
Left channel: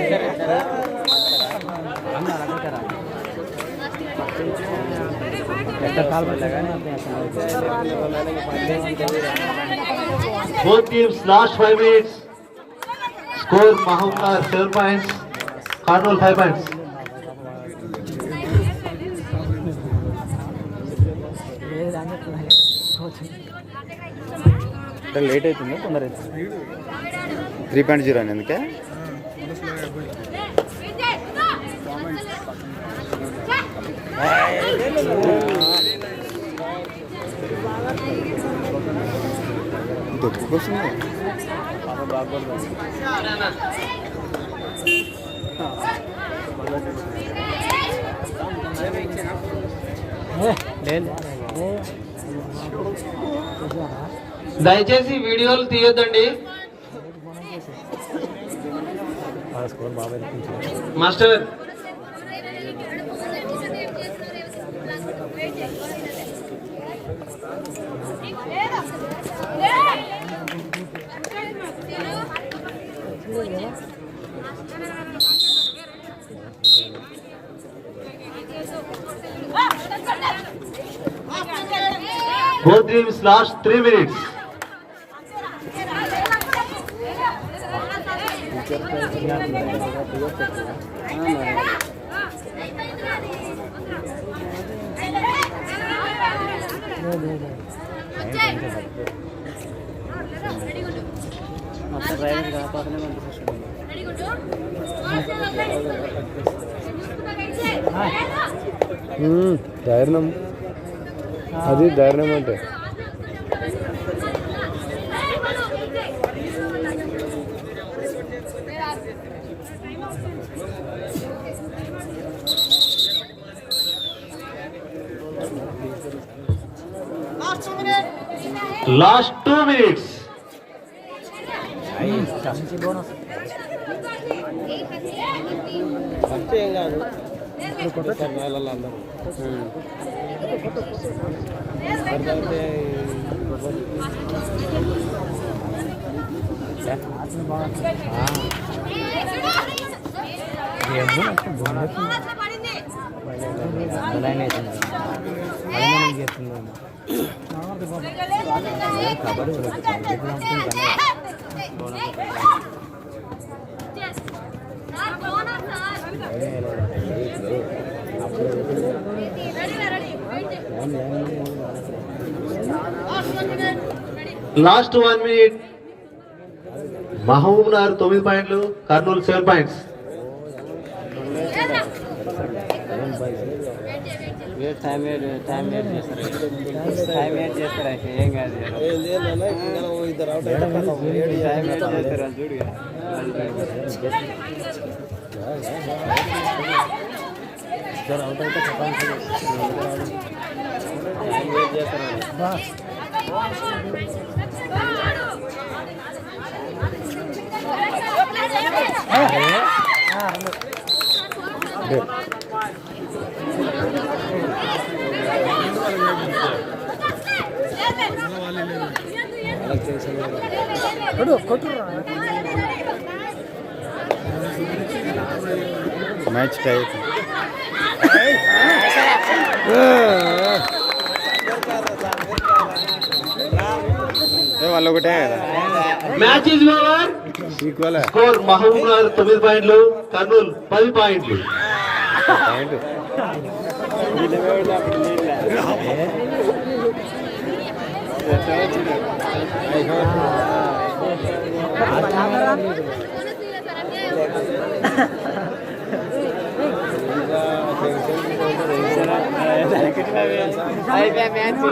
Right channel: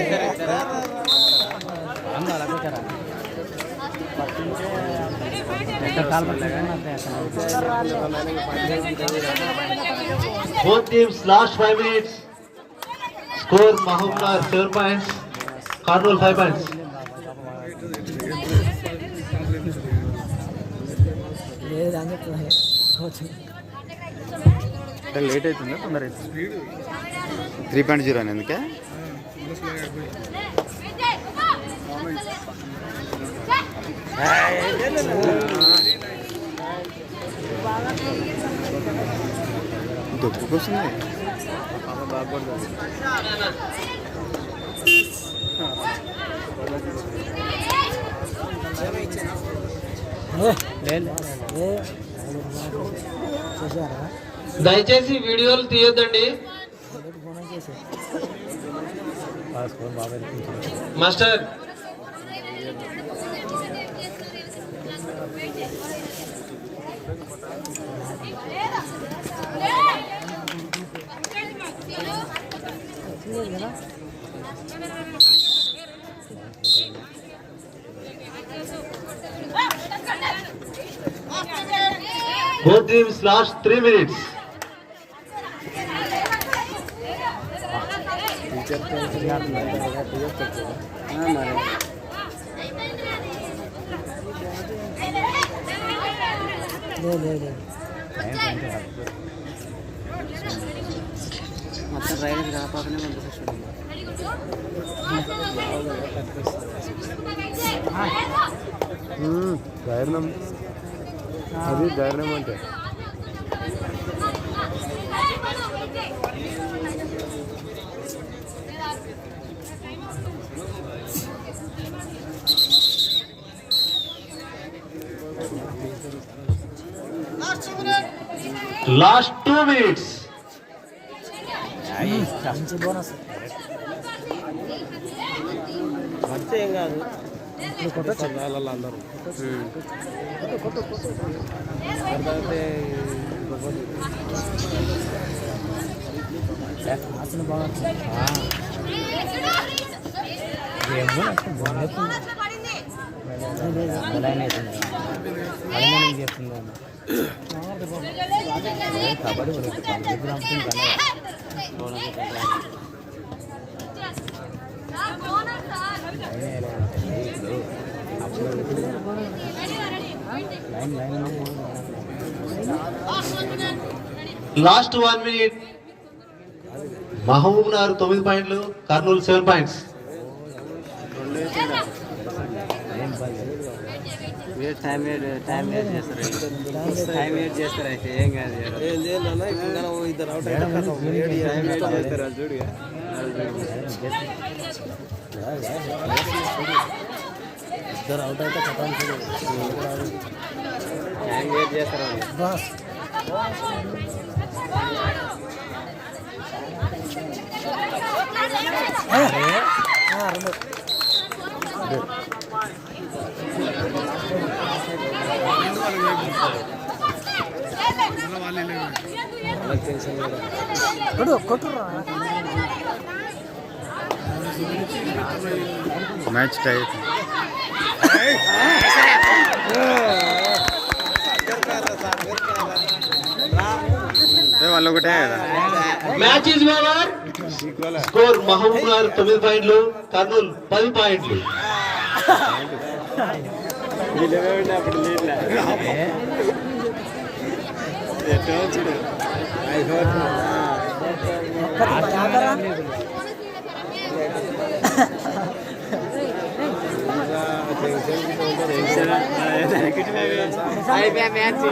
ఇద్దరు Both teams last 5 minutes. Score Mahumnar 7 points. Karnool 5 points. అంటే లేట్ అవుతుందా తొందర అవుతుంది 3.0 అని ఎందుకే దొప్పుకొస్తుంది దయచేసి వీడియోలు తీయొద్దండి. Master Both teams last 3 minutes. ధైర్యం అది ధైర్యం అంటే Last 2 minutes. Last 1 minute. Mahumnar 9 points, Karnool 7 points. Time wait చేస్తారు అయితే ఏం కాదు టైం వేట్ చేస్తారు అది చూడుగా టైం వేట్ చేస్తారు మ్యాచ్ టై వాళ్ళు ఒకటే కదా match is over. Score Mahbubnagar 9 పాయింట్లు, కర్నూలు 10 పాయింట్లు. అయిపోయా మ్యాచ్.